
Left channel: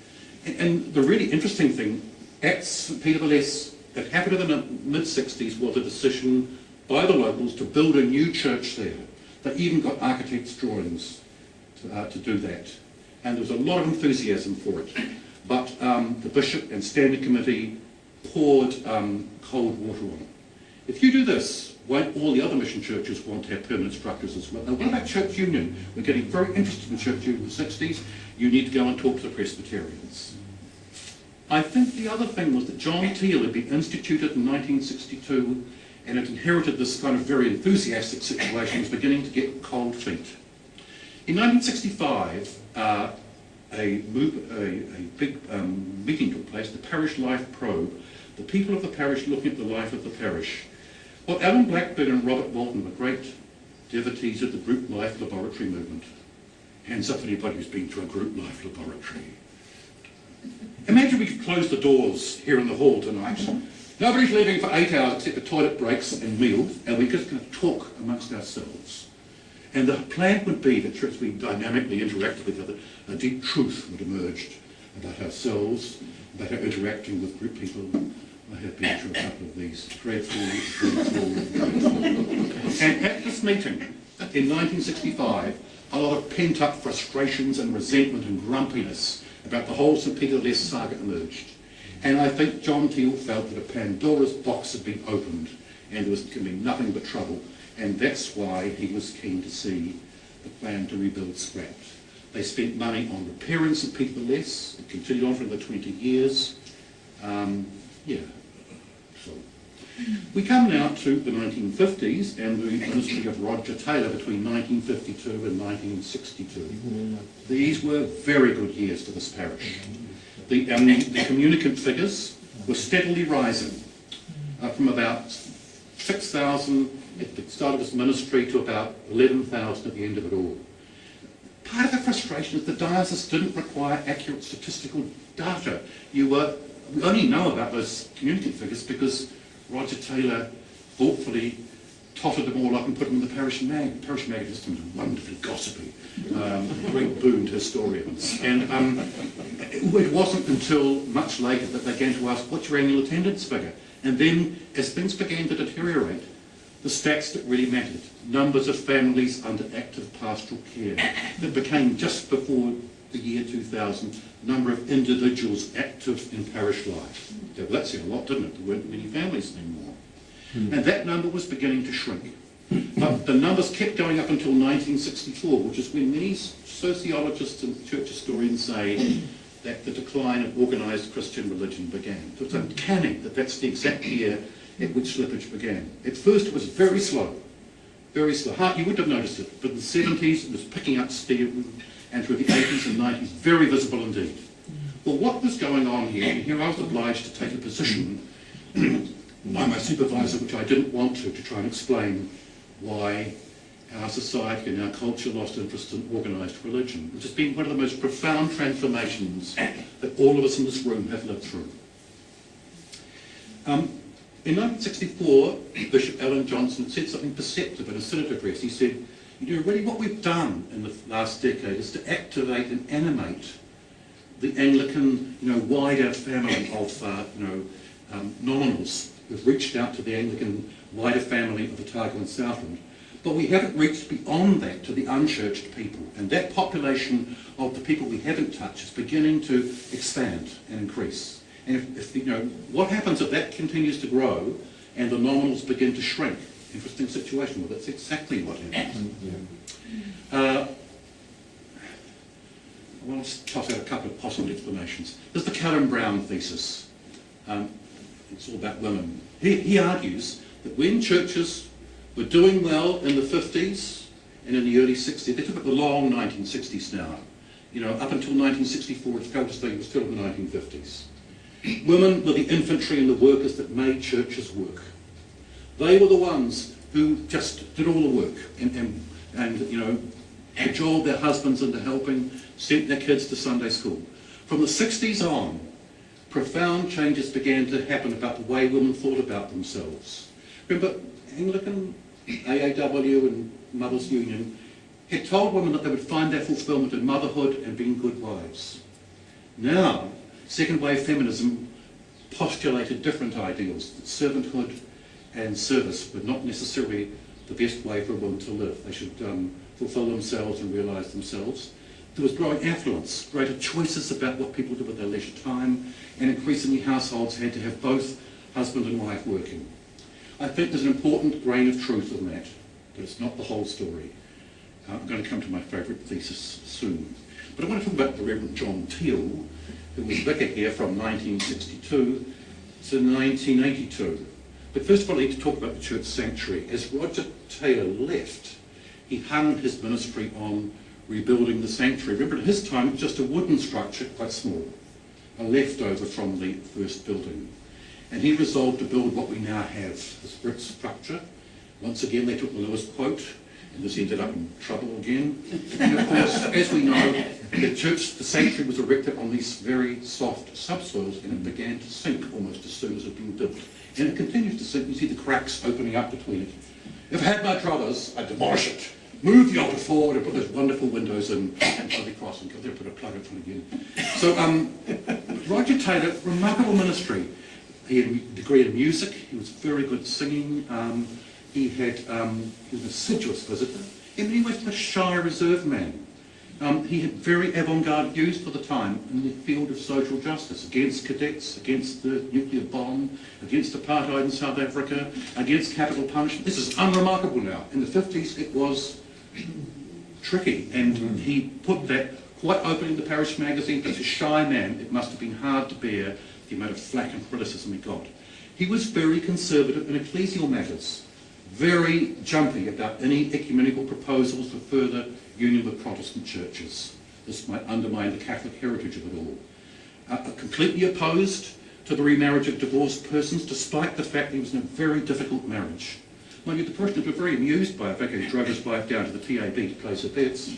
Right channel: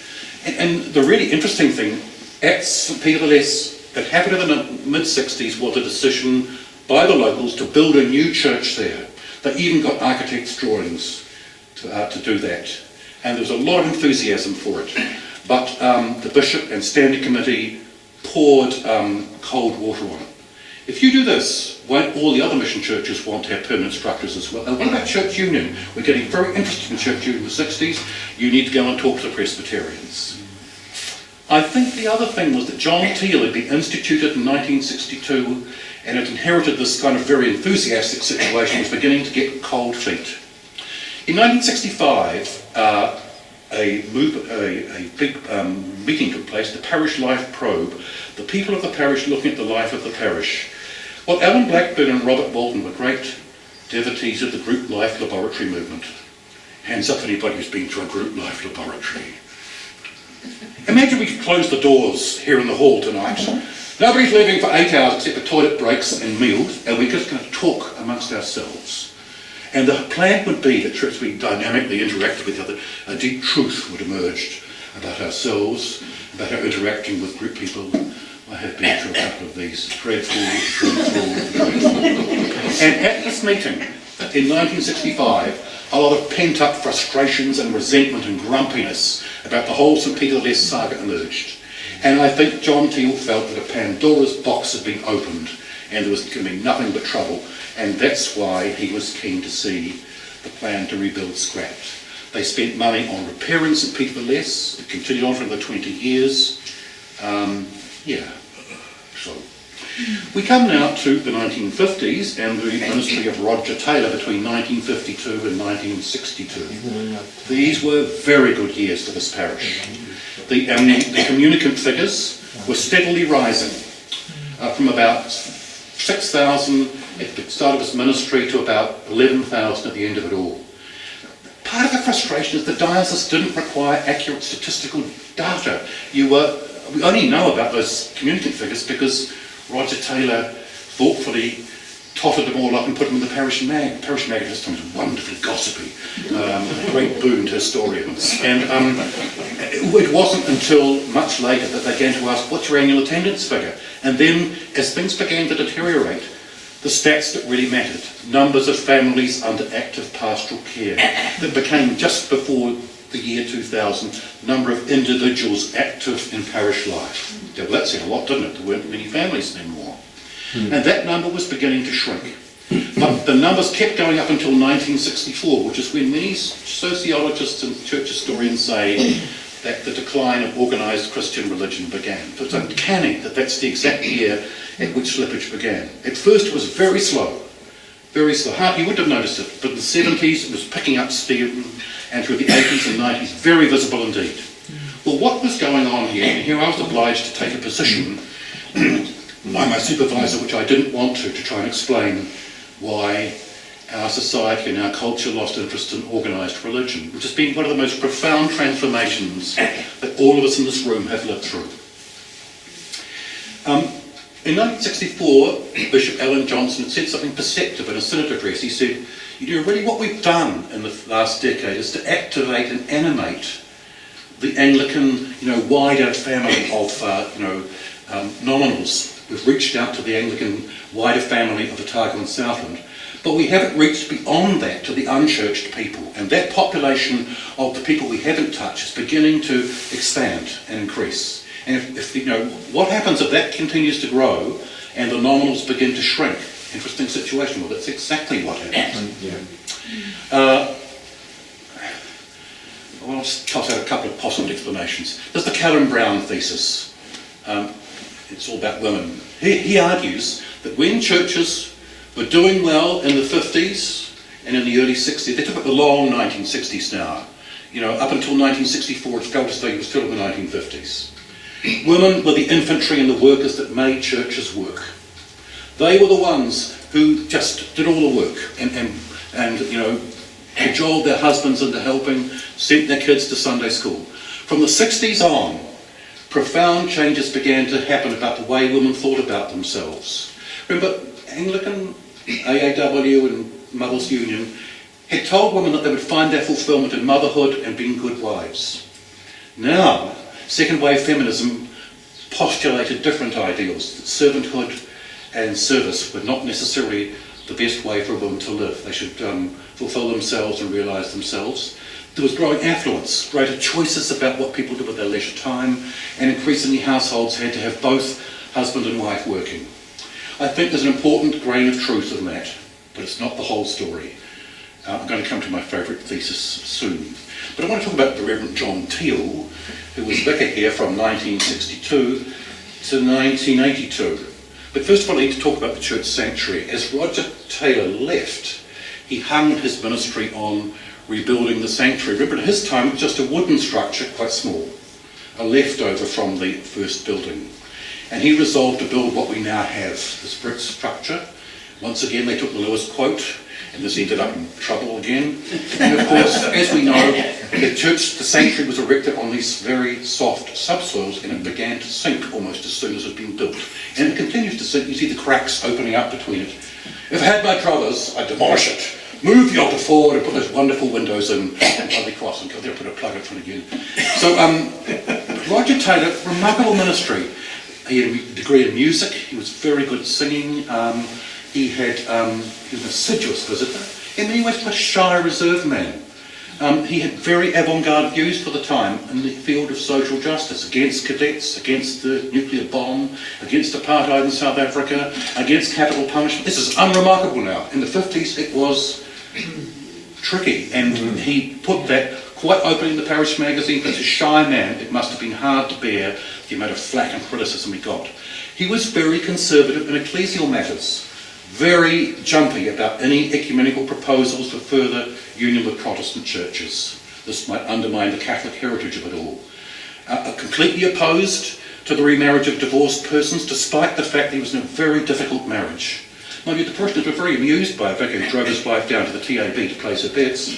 And the really interesting thing, at St Peter the Less, that happened in the mid-60s was a decision by the locals to build a new church there. They even got architects' drawings to do that. And there was a lot of enthusiasm for it. But the bishop and standing committee poured cold water on it. If you do this, won't all the other mission churches want to have permanent structures as well? And what about church union? We're getting very interested in church union in the 60s. You need to go and talk to the Presbyterians. I think the other thing was that John Teal had been instituted in 1962 and had inherited this kind of very enthusiastic situation, was beginning to get cold feet. In 1965, a big meeting took place, the Parish Life Probe, the people of the parish looking at the life of the parish. Well, Alan Blackburn and Robert Walton were great devotees of the group life laboratory movement. Hands up anybody who's been to a group life laboratory. Imagine we could close the doors here in the hall tonight Nobody's leaving for 8 hours except for toilet breaks and meals, and we're just going to talk amongst ourselves. And the plan would be that church would dynamically interact with each other. A deep truth would emerge about ourselves, about our interacting with group people. I have been through a couple of these. Dreadful. And at this meeting, in 1965, a lot of pent-up frustrations and resentment and grumpiness about the whole St Peter Less saga emerged. And I think John Teal felt that a Pandora's box had been opened and there was going to be nothing but trouble. And that's why he was keen to see the plan to rebuild scrapped. They spent money on repairing St Peter the Less. It continued on for another 20 years. So we come now to the 1950s and the ministry of Roger Taylor between 1952 and 1962. These were very good years for this parish. The communicant figures were steadily rising from about 6,000 at the start of his ministry to about 11,000 at the end of it all. Part of the frustration is the diocese didn't require accurate statistical data. We only know about those communicant figures because Roger Taylor thoughtfully totted them all up and put them in the Parish Mag. Parish Mag at this time was wonderfully gossipy, a great boon to historians. And it wasn't until much later that they began to ask, what's your annual attendance figure? And then, as things began to deteriorate, the stats that really mattered, numbers of families under active pastoral care, that became just before the year 2000, number of individuals active in parish life. Well, that said a lot, didn't it? There weren't many families anymore. And that number was beginning to shrink. But the numbers kept going up until 1964, which is when many sociologists and church historians say that the decline of organised Christian religion began. So it's uncanny that that's the exact year at which slippage began. At first it was very slow, very slow. You wouldn't have noticed it, but in the 70s it was picking up steam, and through the 80s and 90s, very visible indeed. Well, what was going on here, and here I was obliged to take a position by my supervisor, which I didn't want to try and explain why our society and our culture lost interest in organised religion, which has been one of the most profound transformations that all of us in this room have lived through. In 1964, Bishop Alan Johnson had said something perceptive in a synod address. He said, really what we've done in the last decade is to activate and animate the Anglican, wider family of, nominals. We've reached out to the Anglican wider family of Otago and Southland, but we haven't reached beyond that to the unchurched people. And that population of the people we haven't touched is beginning to expand and increase. And if what happens if that continues to grow and the nominals begin to shrink? Interesting situation. Well, that's exactly what happened. I'll just toss out a couple of possible explanations. There's the Callum Brown thesis. It's all about women. He argues that when churches were doing well in the 50s and in the early 60s, they took up the long 1960s now. Up until 1964, it's fair to say it was still in the 1950s. Women were the infantry and the workers that made churches work. They were the ones who just did all the work and cajoled their husbands into helping, sent their kids to Sunday school. From the 60s on, profound changes began to happen about the way women thought about themselves. Remember, Anglican, AAW and Mothers Union had told women that they would find their fulfilment in motherhood and being good wives. Now, second wave feminism postulated different ideals, that servanthood and service were not necessarily the best way for a woman to live. They should fulfill themselves and realise themselves. There was growing affluence, greater choices about what people did with their leisure time, and increasingly households had to have both husband and wife working. I think there's an important grain of truth in that, but it's not the whole story. I'm going to come to my favourite thesis soon. But I want to talk about the Reverend John Teal, who was vicar here from 1962 to 1982. But first of all, I need to talk about the church sanctuary. As Roger Taylor left, he hung his ministry on rebuilding the sanctuary. Remember, at his time, it was just a wooden structure, quite small, a leftover from the first building. And he resolved to build what we now have, this brick structure. Once again, they took the Lewis quote, and this ended up in trouble again. And of course, as we know, the sanctuary was erected on these very soft subsoils, and it began to sink almost as soon as it had been built. And it continues to sink. You see the cracks opening up between it. If I had my druthers, I'd demolish it, move the altar forward and put those wonderful windows in Holy Cross and go there, put a plug in front again. So Roger Taylor, remarkable ministry. He had a degree in music, he was very good at singing, he was an assiduous visitor, and then he was a shy, reserved man. He had very avant-garde views for the time in the field of social justice, against cadets, against the nuclear bomb, against apartheid in South Africa, against capital punishment. This is unremarkable now. In the 50s it was tricky, and he put that quite openly in the Parish magazine. As a shy man, it must have been hard to bear the amount of flack and criticism he got. He was very conservative in ecclesial matters, very jumpy about any ecumenical proposals for further union with Protestant churches. This might undermine the Catholic heritage of it all. Completely opposed to the remarriage of divorced persons, despite the fact that he was in a very difficult marriage. Mind you, the parishioners were very amused by a vicar who drove his wife down to the TAB to place her bets.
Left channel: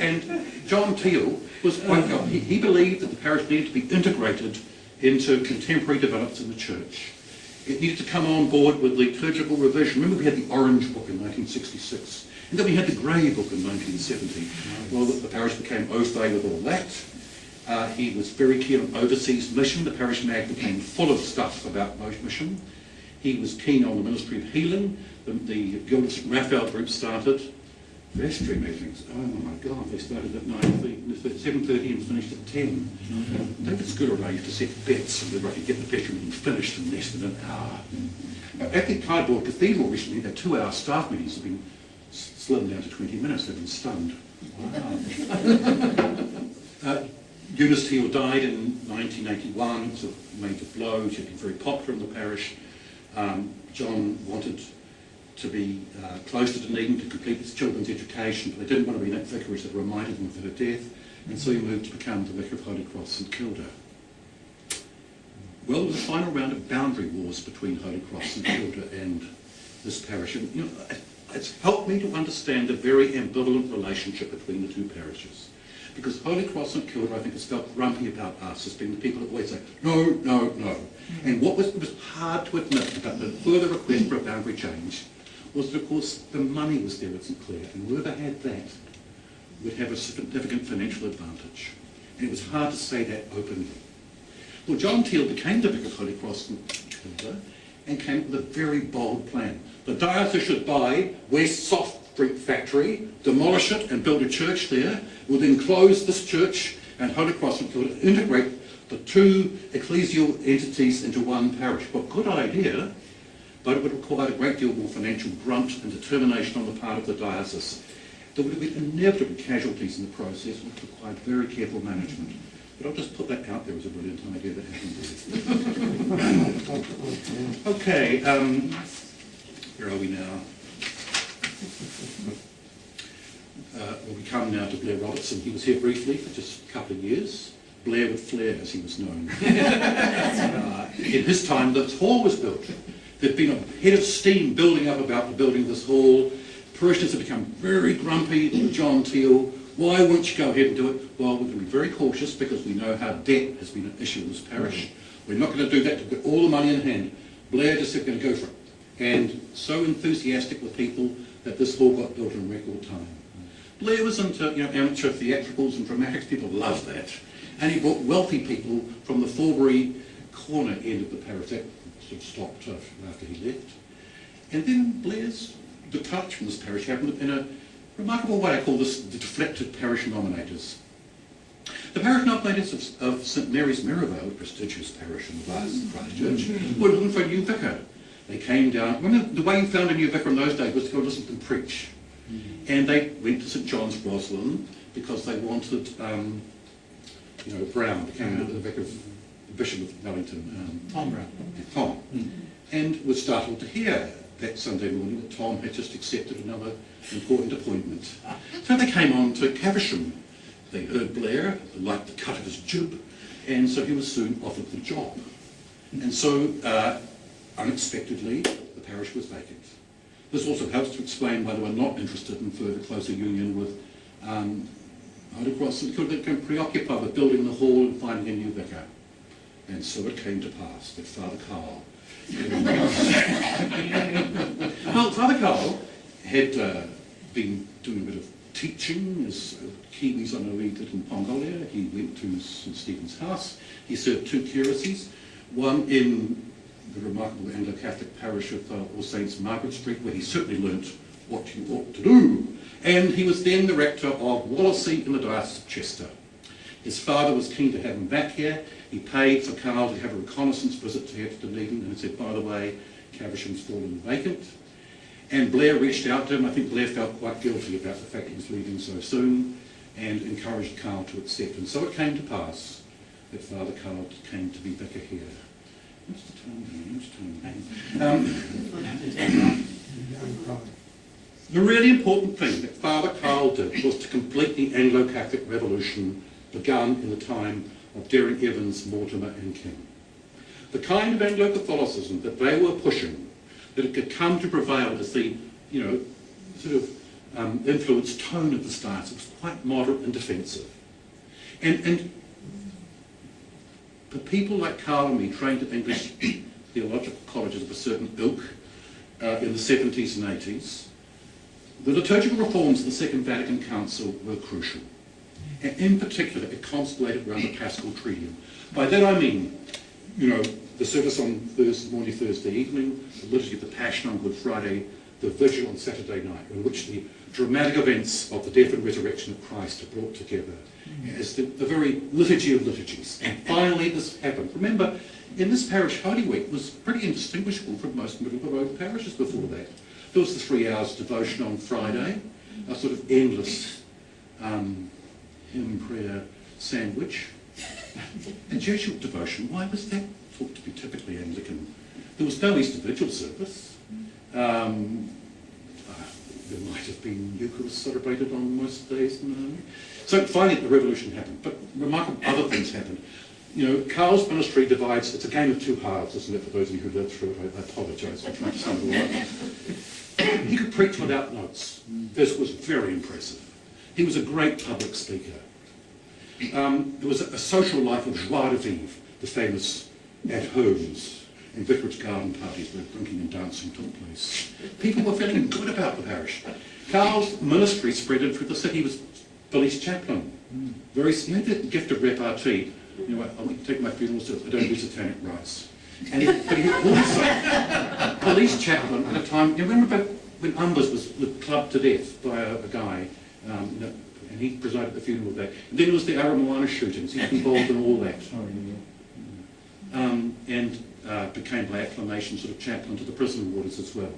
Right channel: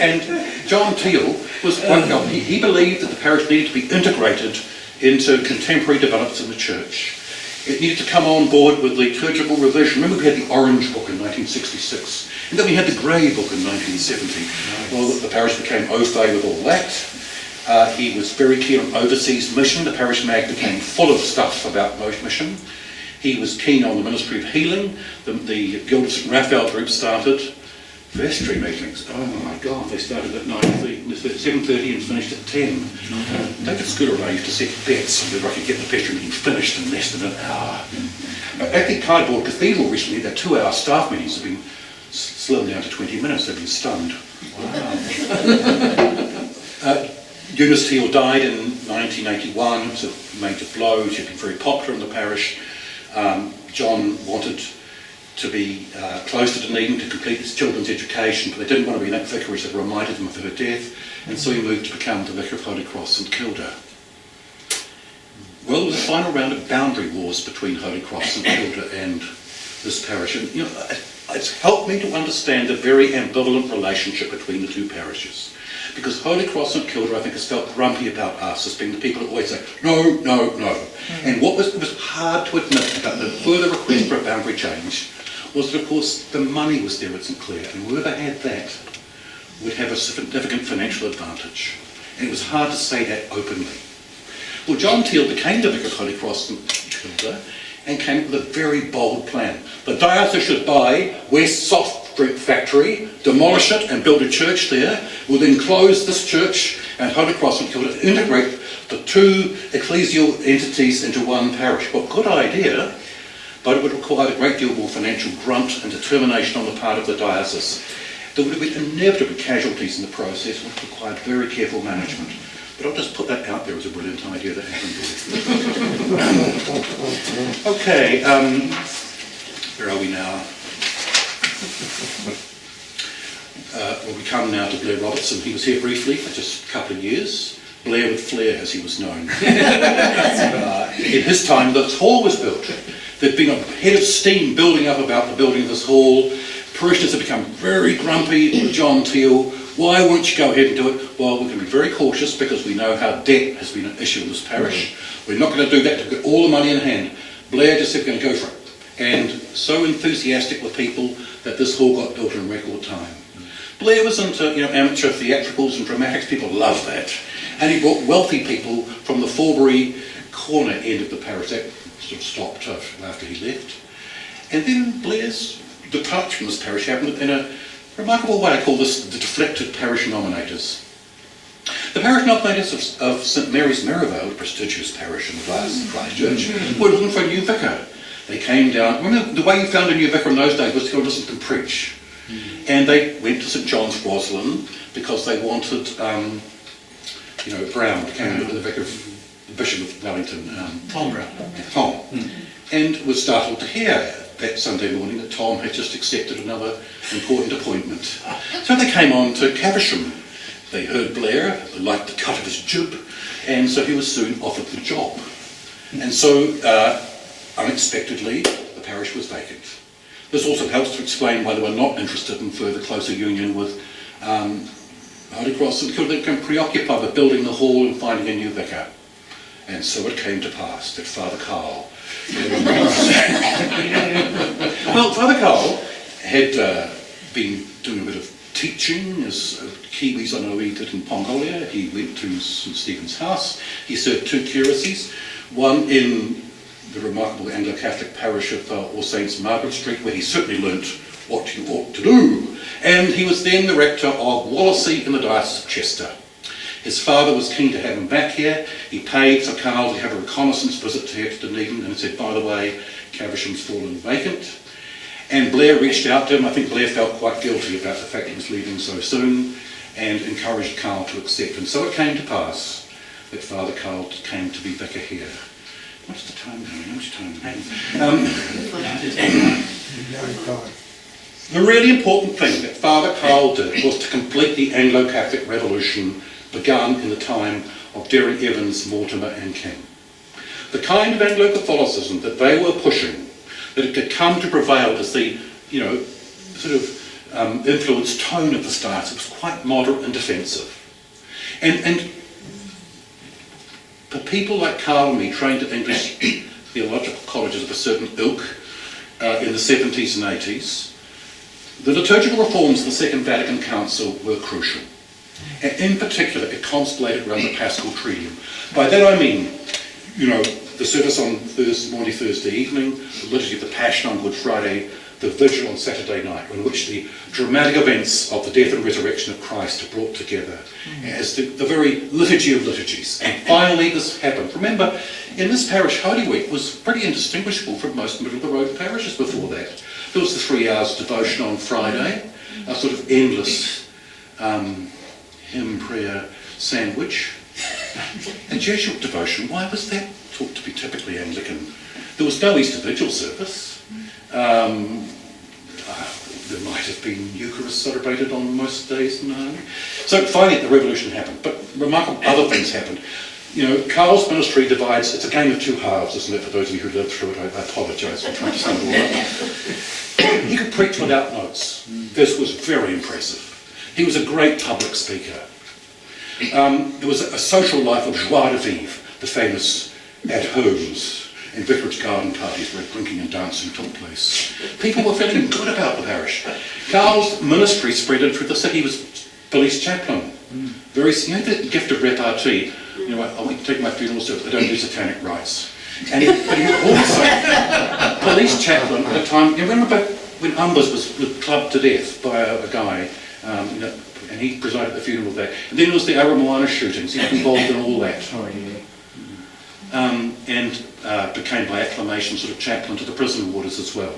And John Teal was he believed that the parish needed to be integrated into contemporary developments in the church. It needed to come on board with liturgical revision. Remember, we had the Orange Book in 1966, and then we had the Grey Book in 1970. Well, the parish became au fait with all that. He was very keen on overseas mission. The parish mag became full of stuff about mission. He was keen on the ministry of healing. The Guild of St Raphael group started. Vestry meetings, oh my God, they started at 7:30 and finished at 10. David Scooter and I used to set bets on whether I could get the vestry meeting finished in less than an hour. At the Cardboard Cathedral recently, their 2-hour staff meetings have been slimmed down to 20 minutes. They've been stunned. Wow. Eunice Teal died in 1981. It was a major blow. She had been very popular in the parish. John wanted to be close to Dunedin to complete his children's education, but they didn't want to be in that vicarage that reminded them of her death, and so he moved to become the Vicar of Holy Cross St Kilda. Well, there was a final round of boundary wars between Holy Cross St Kilda and this parish, and it's helped me to understand the very ambivalent relationship between the two parishes. Because Holy Cross St Kilda, I think, has felt grumpy about us as being the people that always say, no, no, no. And it was hard to admit about the further request for a boundary change was that, of course, the money was there at St Clair, and whoever had that would have a significant financial advantage. And it was hard to say that openly. Well, John Teal became the Vicar of Holy Cross St Kilda and came up with a very bold plan. The diocese should buy West Soft Fruit Factory, demolish it and build a church there. We'll then close this church and Holy Cross St Kilda to integrate the two ecclesial entities into one parish. Well, good idea, but it would require a great deal more financial grunt and determination on the part of the diocese. There would have been inevitably casualties in the process, which required very careful management. But I'll just put that out there as a brilliant idea that happened there. Okay, where are we now? Well, we come now to Blair Robertson. He was here briefly for just a couple of years. Blair with flair, as he was known. In his time, this hall was built. There'd been a head of steam building up about the building of this hall. Parishioners had become very grumpy with John Teal. Why won't you go ahead and do it? Well, we're going to be very cautious because we know how debt has been an issue in this parish. We're not going to do that to get all the money in hand. Blair just said, we're going to go for it. And so enthusiastic were people that this hall got built in record time. Blair was into amateur theatricals and dramatics. People loved that. And he brought wealthy people from the Forbury corner end of the parish. That sort of stopped after he left. And then Blair's departure from this parish happened in a remarkable way. I call this the deflected parish nominators. The parish nominators of St Mary's Merivale, a prestigious parish in the Diocese of Christchurch, were looking for a new vicar. They came down. Remember, the way you found a new vicar in those days was to go listen to them preach. And they went to St John's Roslyn because they wanted, Brown became the vicar of the Bishop of Wellington, Tom Brown. Tom. And was startled to hear that Sunday morning that Tom had just accepted another important appointment. So they came on to Caversham. They heard Blair, they liked the cut of his jib, and so he was soon offered the job. And so, unexpectedly, the parish was vacant. This also helps to explain why they were not interested in further closer union with Holy Cross, because they became preoccupied with building the hall and finding a new vicar. And so it came to pass that Father Carl... Well, Father Carl had been doing a bit of teaching, as Kiwis I know he did in Pongolia. He went to St Stephen's House. He served 2 curacies, one in the remarkable Anglo-Catholic parish of All Saints Margaret Street, where he certainly learnt what you ought to do. And he was then the rector of Wallasey in the Diocese of Chester. His father was keen to have him back here. He paid for Carl to have a reconnaissance visit to Dunedin and said, by the way, Caversham's fallen vacant. And Blair reached out to him. I think Blair felt quite guilty about the fact he was leaving so soon and encouraged Carl to accept. And so it came to pass that Father Carl came to be vicar here. What's the time going? How much time? The really important thing that Father Carl did was to complete the Anglo-Catholic Revolution begun in the time of Derry Evans, Mortimer and King. The kind of Anglo-Catholicism that they were pushing, that it could come to prevail as the, sort of influenced tone of the start, it was quite moderate and defensive. And for people like Carl and me, trained at English theological colleges of a certain ilk in the 70s and 80s, the liturgical reforms of the Second Vatican Council were crucial. And in particular, it constellated around the Paschal Triduum. By that I mean, the service on Thursday evening, the liturgy of the Passion on Good Friday, the vigil on Saturday night, in which the dramatic events of the death and resurrection of Christ are brought together as the very liturgy of liturgies. And finally this happened. Remember, in this parish, Holy Week was pretty indistinguishable from most middle-of-the-road parishes before that. There was the 3 hours devotion on Friday, a sort of endless hymn prayer sandwich. And Jesuit devotion, why was that thought to be typically Anglican? There was no Easter Vigil service. There might have been Eucharist celebrated on most days, no. So finally the revolution happened, but remarkable other things happened. Carl's ministry divides, it's a game of 2 halves, isn't it, for those of you who lived through it? I apologise for trying to sum it all up. He could preach without notes. This was very impressive. He was a great public speaker. There was a social life of joie de vivre, the famous at-homes and vicarage garden parties where drinking and dancing took place. People were feeling good about the parish. Carl's ministry spread in through the city. He was police chaplain. Very, the gift of repartee. I want to take my funeral service, I don't do satanic rites. But he was also police chaplain at a time. You remember when Umbers was clubbed to death by a guy, and he presided at the funeral there. And then there was the Aramoana shootings. He was involved in all that. And became by acclamation sort of chaplain to the prison warders as well.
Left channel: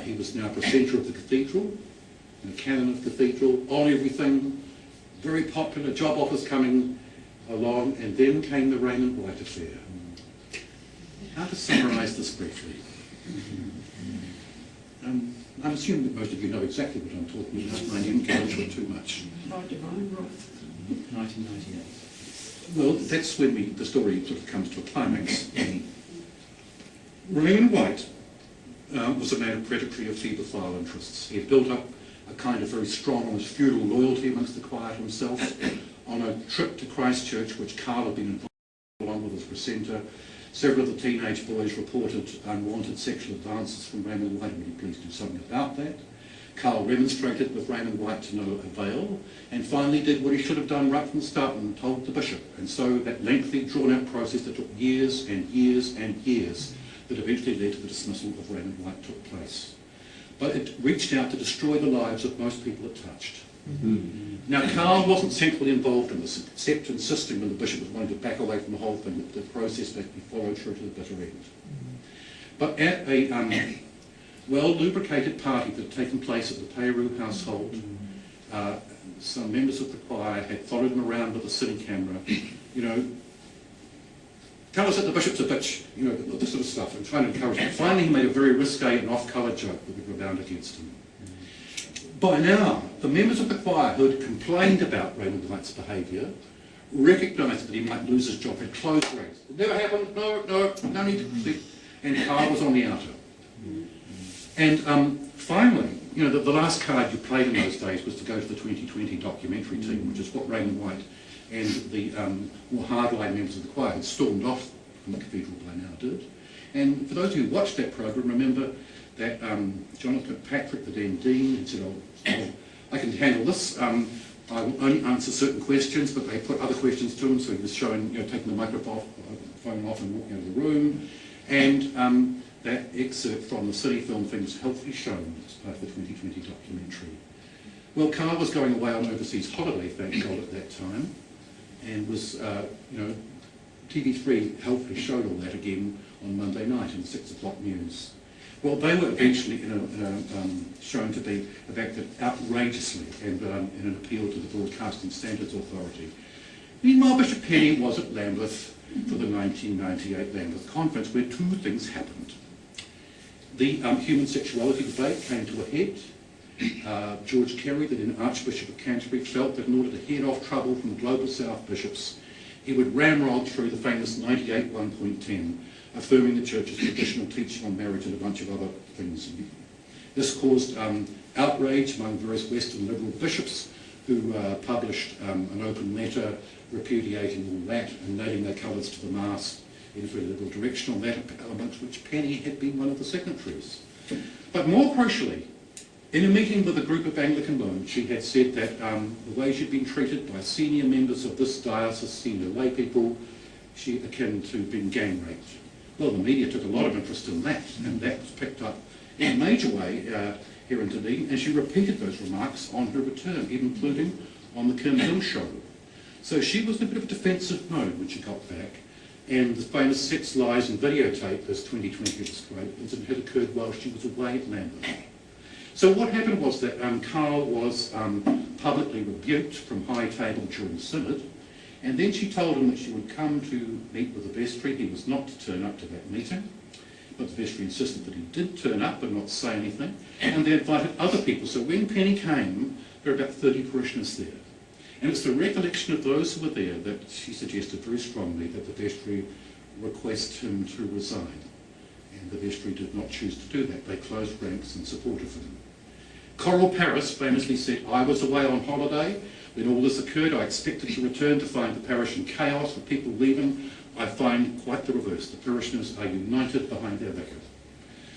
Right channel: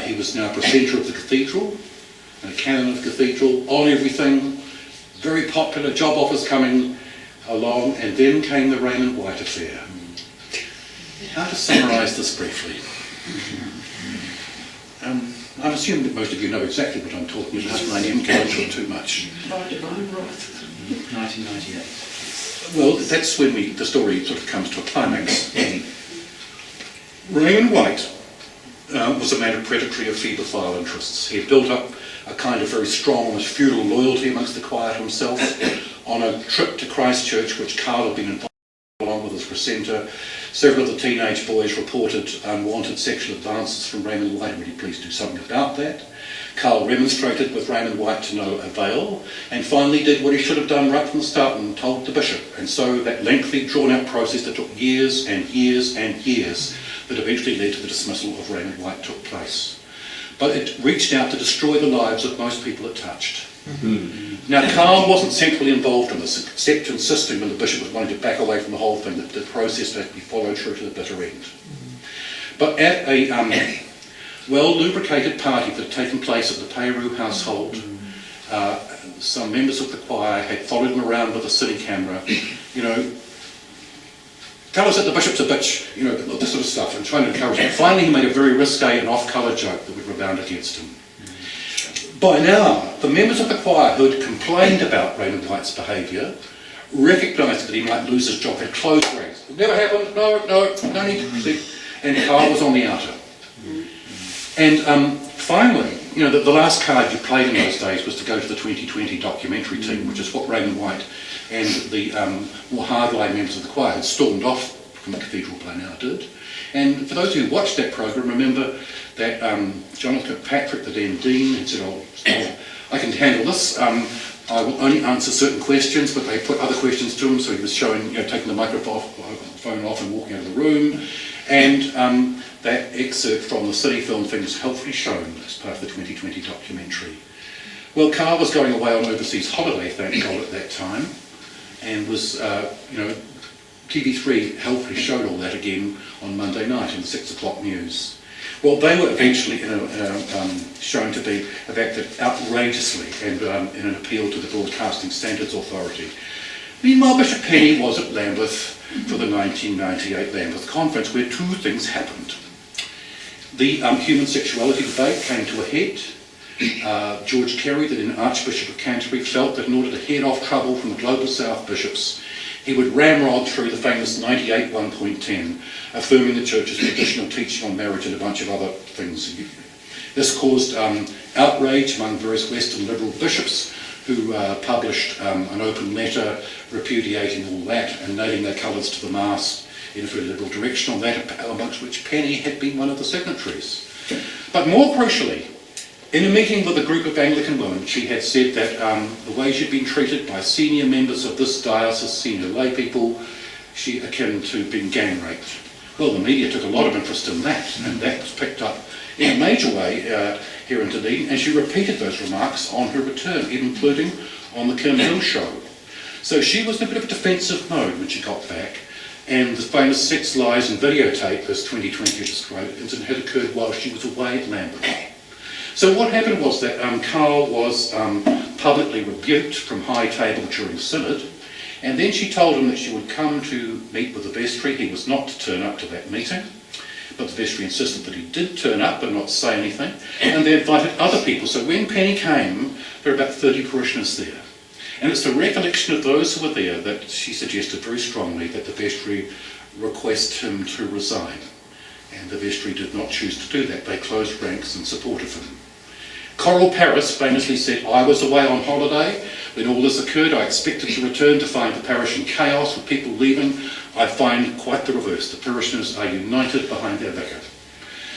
He was now precentor of the cathedral, and a canon of the cathedral, on everything, very popular, job offers coming along, and then came the Raymond White affair. How to summarise this briefly? I'm assuming that most of you know exactly what I'm talking about, and I am going into it too much. 1998. Well, that's when the story sort of comes to a climax. Raymond White was a man of predatory or paedophile interests. He had built up a kind of very strong, almost feudal loyalty amongst the choir himself. On a trip to Christchurch, which Carl had been involved along with his precentor, several of the teenage boys reported unwanted sexual advances from Raymond White. Really pleased to do something about that. Carl remonstrated with Raymond White to no avail, and finally did what he should have done right from the start and told the bishop. And so that lengthy, drawn-out process that took years and years and years that eventually led to the dismissal of Raymond White took place. But it reached out to destroy the lives of most people it touched. Now, Carl wasn't centrally involved in this, except insisting when the bishop was wanting to back away from the whole thing, that the process had to be followed through to the bitter end. But at a well-lubricated party that had taken place at the Payru household, some members of the choir had followed him around with a cine camera, tell us that the bishop's a bitch, this sort of stuff, and trying to encourage him. Finally, he made a very risque and off-colour joke that would rebound against him. By now, the members of the choir who had complained about Raymond White's behaviour recognised that he might lose his job, had closed ranks. It never happened, no need to. and Carl was on the outer. And finally, you know, the last card you played in those days was to go to the 2020 documentary team, which is what Raymond White and the more hardline members of the choir had stormed off from the cathedral play now did. And for those who watched that programme, remember that Jonathan Patrick, the then dean, had said, oh, I can handle this. I will only answer certain questions, but they put other questions to him, so he was showing, you know, taking the microphone off and walking out of the room. And that excerpt from the city film thing was helpfully shown as part of the 2020 documentary. Well, Carl was going away on overseas holiday, thank God, at that time, and was, you know, TV3 helpfully showed all that again on Monday night in the 6 o'clock news. Well, they were eventually shown to have acted outrageously and in an appeal to the Broadcasting Standards Authority. Meanwhile, Bishop Penny was at Lambeth for the 1998 Lambeth Conference, where two things happened. The human sexuality debate came to a head. George Carey, the then Archbishop of Canterbury, felt that in order to head off trouble from the Global South bishops, he would ramrod through the famous 98 1.10, affirming the Church's traditional teaching on marriage and a bunch of other things. This caused outrage among various Western liberal bishops who published an open letter repudiating all that and nailing their colours to the mast in a very liberal direction on that, amongst which Penny had been one of the signatories. But more crucially, in a meeting with a group of Anglican women, she had said that the way she'd been treated by senior members of this diocese, senior lay people, she akin to being gang raped. Well, the media took a lot of interest in that, and that was picked up in a major way here in Dunedin, and she repeated those remarks on her return, including on the Kim Hill show. So she was in a bit of a defensive mode when she got back, and the famous sex lies and videotape, as 2020 described, incident had occurred while she was away at Lambeth. So what happened was that Carl was publicly rebuked from high table during synod, and then she told him that she would come to meet with the vestry. He was not to turn up to that meeting, but the vestry insisted that he did turn up but not say anything, and they invited other people. So when Penny came, there were about 30 parishioners there. And it's the recollection of those who were there that she suggested very strongly that the vestry request him to resign. And the vestry did not choose to do that. They closed ranks in support of him. Coral Paris famously said, I was away on holiday. When all this occurred, I expected to return to find the parish in chaos with people leaving. I find quite the reverse. The parishioners are united behind their vicar.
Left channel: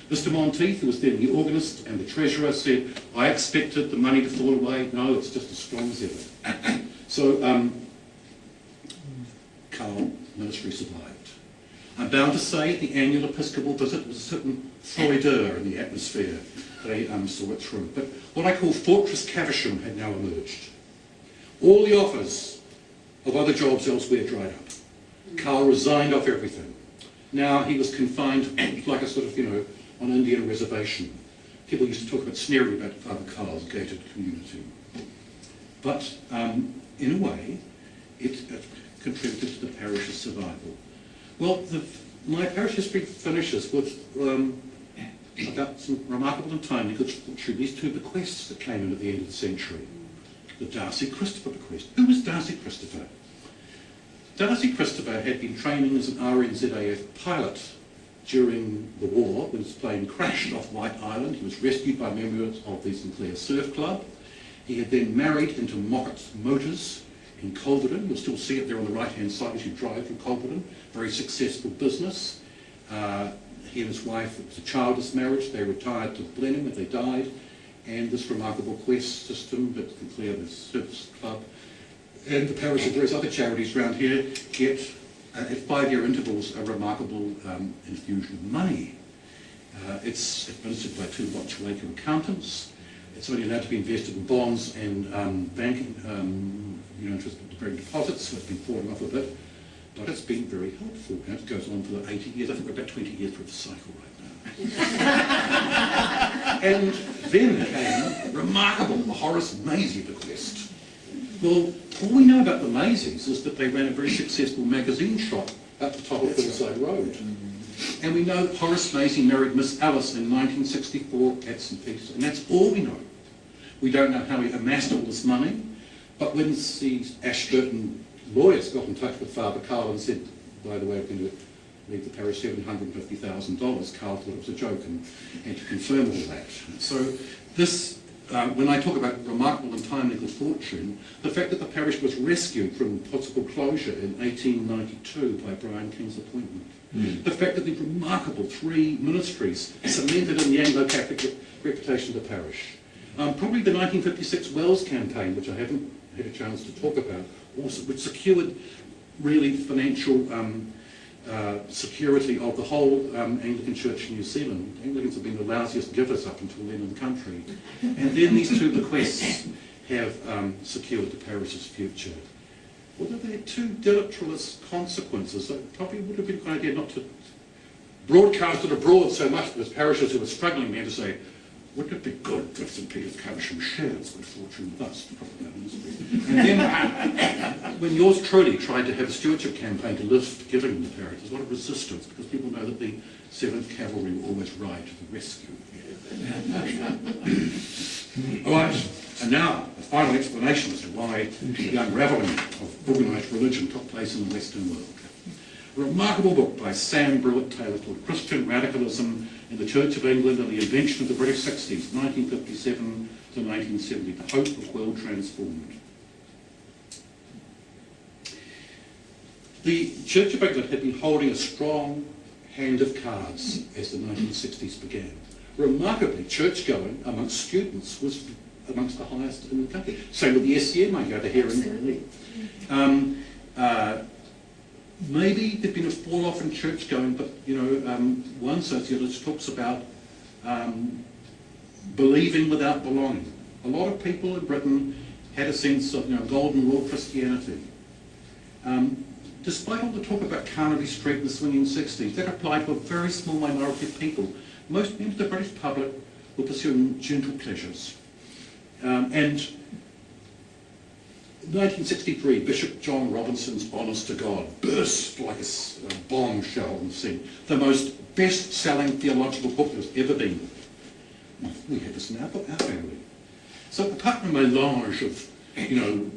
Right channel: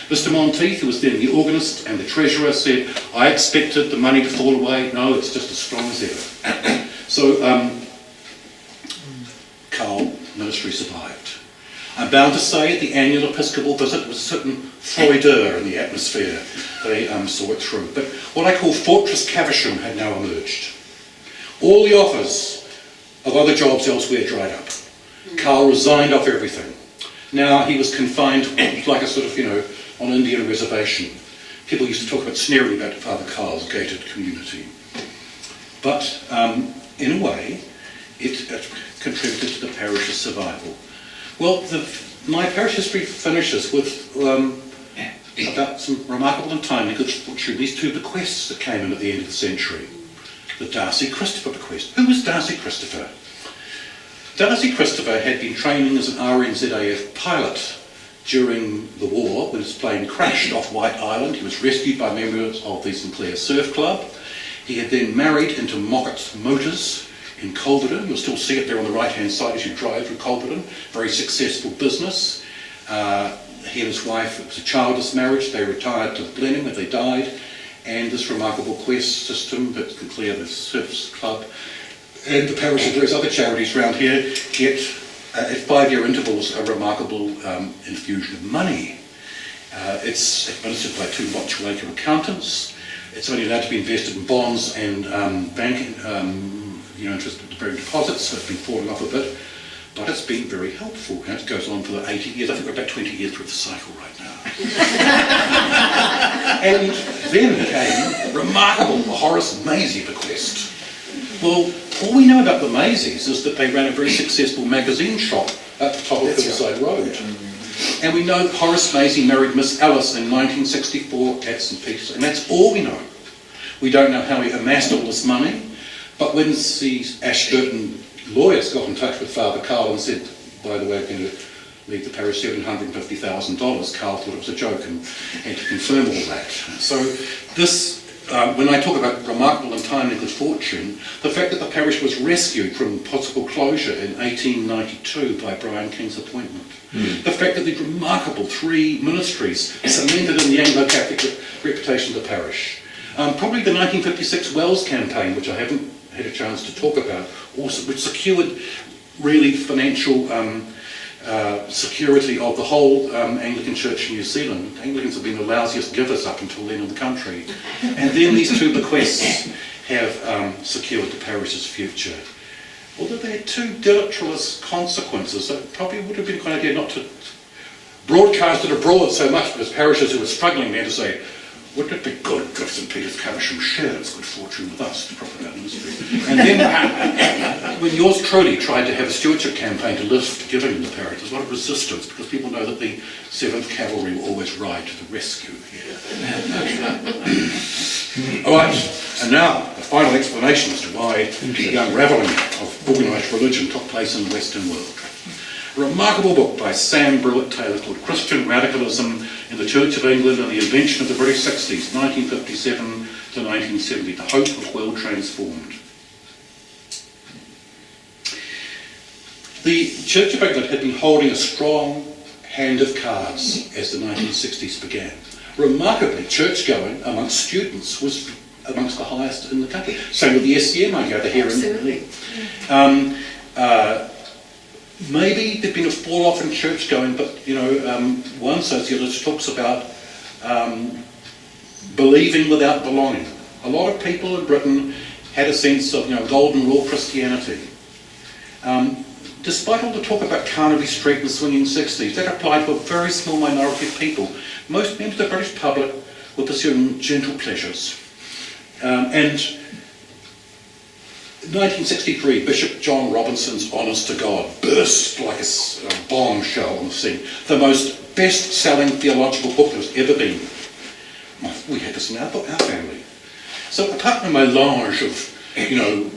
Mr. Monteith, who was then the organist and the treasurer, said, I expected the money to fall away. No, it's just as strong as ever. So, Carl, ministry survived. I'm bound to say at the annual Episcopal visit there was a certain froideur in the atmosphere. They saw it through. But what I call Fortress Caversham had now emerged. All the offers of other jobs elsewhere dried up. Carl resigned off everything. Now he was confined like a sort of, you know, on Indian reservation. People used to talk about sneering about Father Carl's gated community. But in a way, it contributed to the parish's survival. Well, my parish history finishes with about some remarkable and timely good fortune. These two bequests that came in at the end of the century. The Darcy Christopher bequest. Who was Darcy Christopher? Darcy Christopher had been training as an RNZAF pilot during the war when his plane crashed off White Island. He was rescued by members of the Sinclair Surf Club. He had then married into Mockett's Motors in Colverton. You'll still see it there on the right-hand side as you drive through Colverton. Very successful business. He and his wife, it was a childless marriage. They retired to Blenheim when they died. And this remarkable quest system that Sinclair, the Surf Club, and the parish and various other charities around here get, at 5-year intervals, a remarkable infusion of money. It's administered by 2 Mochwaka accountants. It's only allowed to be invested in bonds and banking, interest-bearing deposits, so it's been falling off a bit. But it's been very helpful. And it goes on for 80 years. I think we're about 20 years through the cycle right now. And then came remarkable Horace Maisie bequest. Well, all we know about the Maisies is that they ran a very successful magazine shop at the top of Hillside Road. And we know Horace Maisie married Miss Alice in 1964 at St. Peter's, and that's all we know. We don't know how he amassed all this money, but when the Ashburton lawyers got in touch with Father Carl and said, by the way, we're going to leave the parish $750,000. Carl thought it was a joke and had to confirm all that. So this, when I talk about remarkable and timely good fortune, the fact that the parish was rescued from possible closure in 1892 by Brian King's appointment, the fact that the remarkable 3 ministries cemented in the Anglo-Catholic reputation of the parish, probably the 1956 Wells campaign, which I haven't had a chance to talk about, also, which secured really financial security of the whole Anglican Church in New Zealand. Anglicans have been the lousiest givers up until then in the country. And then these 2 bequests have secured the parish's future. Although they had 2 deleterious consequences, it probably would have been a good idea not to broadcast it abroad so much, because parishes who were struggling there to say, wouldn't it be good if St Peter's Caversham shared its good fortune with us to propagate ministry? And then when yours truly tried to have a stewardship campaign to lift giving in the parish, there's a lot of resistance, because people know that the 7th Cavalry will always ride to the rescue here. All right, and now the final explanation as to why the unravelling of organised religion took place in the Western world. A remarkable book by Sam Brewitt-Taylor called Christian Radicalism in the Church of England and the Invention of the British 60s, 1957 to 1970, The Hope of World Transformed. The Church of England had been holding a strong hand of cards as the 1960s began. Remarkably, church-going amongst students was amongst the highest in the country. Same with the SCM, I gather, here in maybe there'd been a fall-off in church-going, but, one sociologist talks about believing without belonging. A lot of people in Britain had a sense of, golden rule Christianity. Despite all the talk about Carnaby Street in the swinging 60s, that applied to a very small minority of people. Most members of the British public were pursuing gentle pleasures. And 1963, Bishop John Robinson's Honest to God burst like a bombshell on the scene. The most best-selling theological book there's ever been. We had this in our family. So apart from a melange of,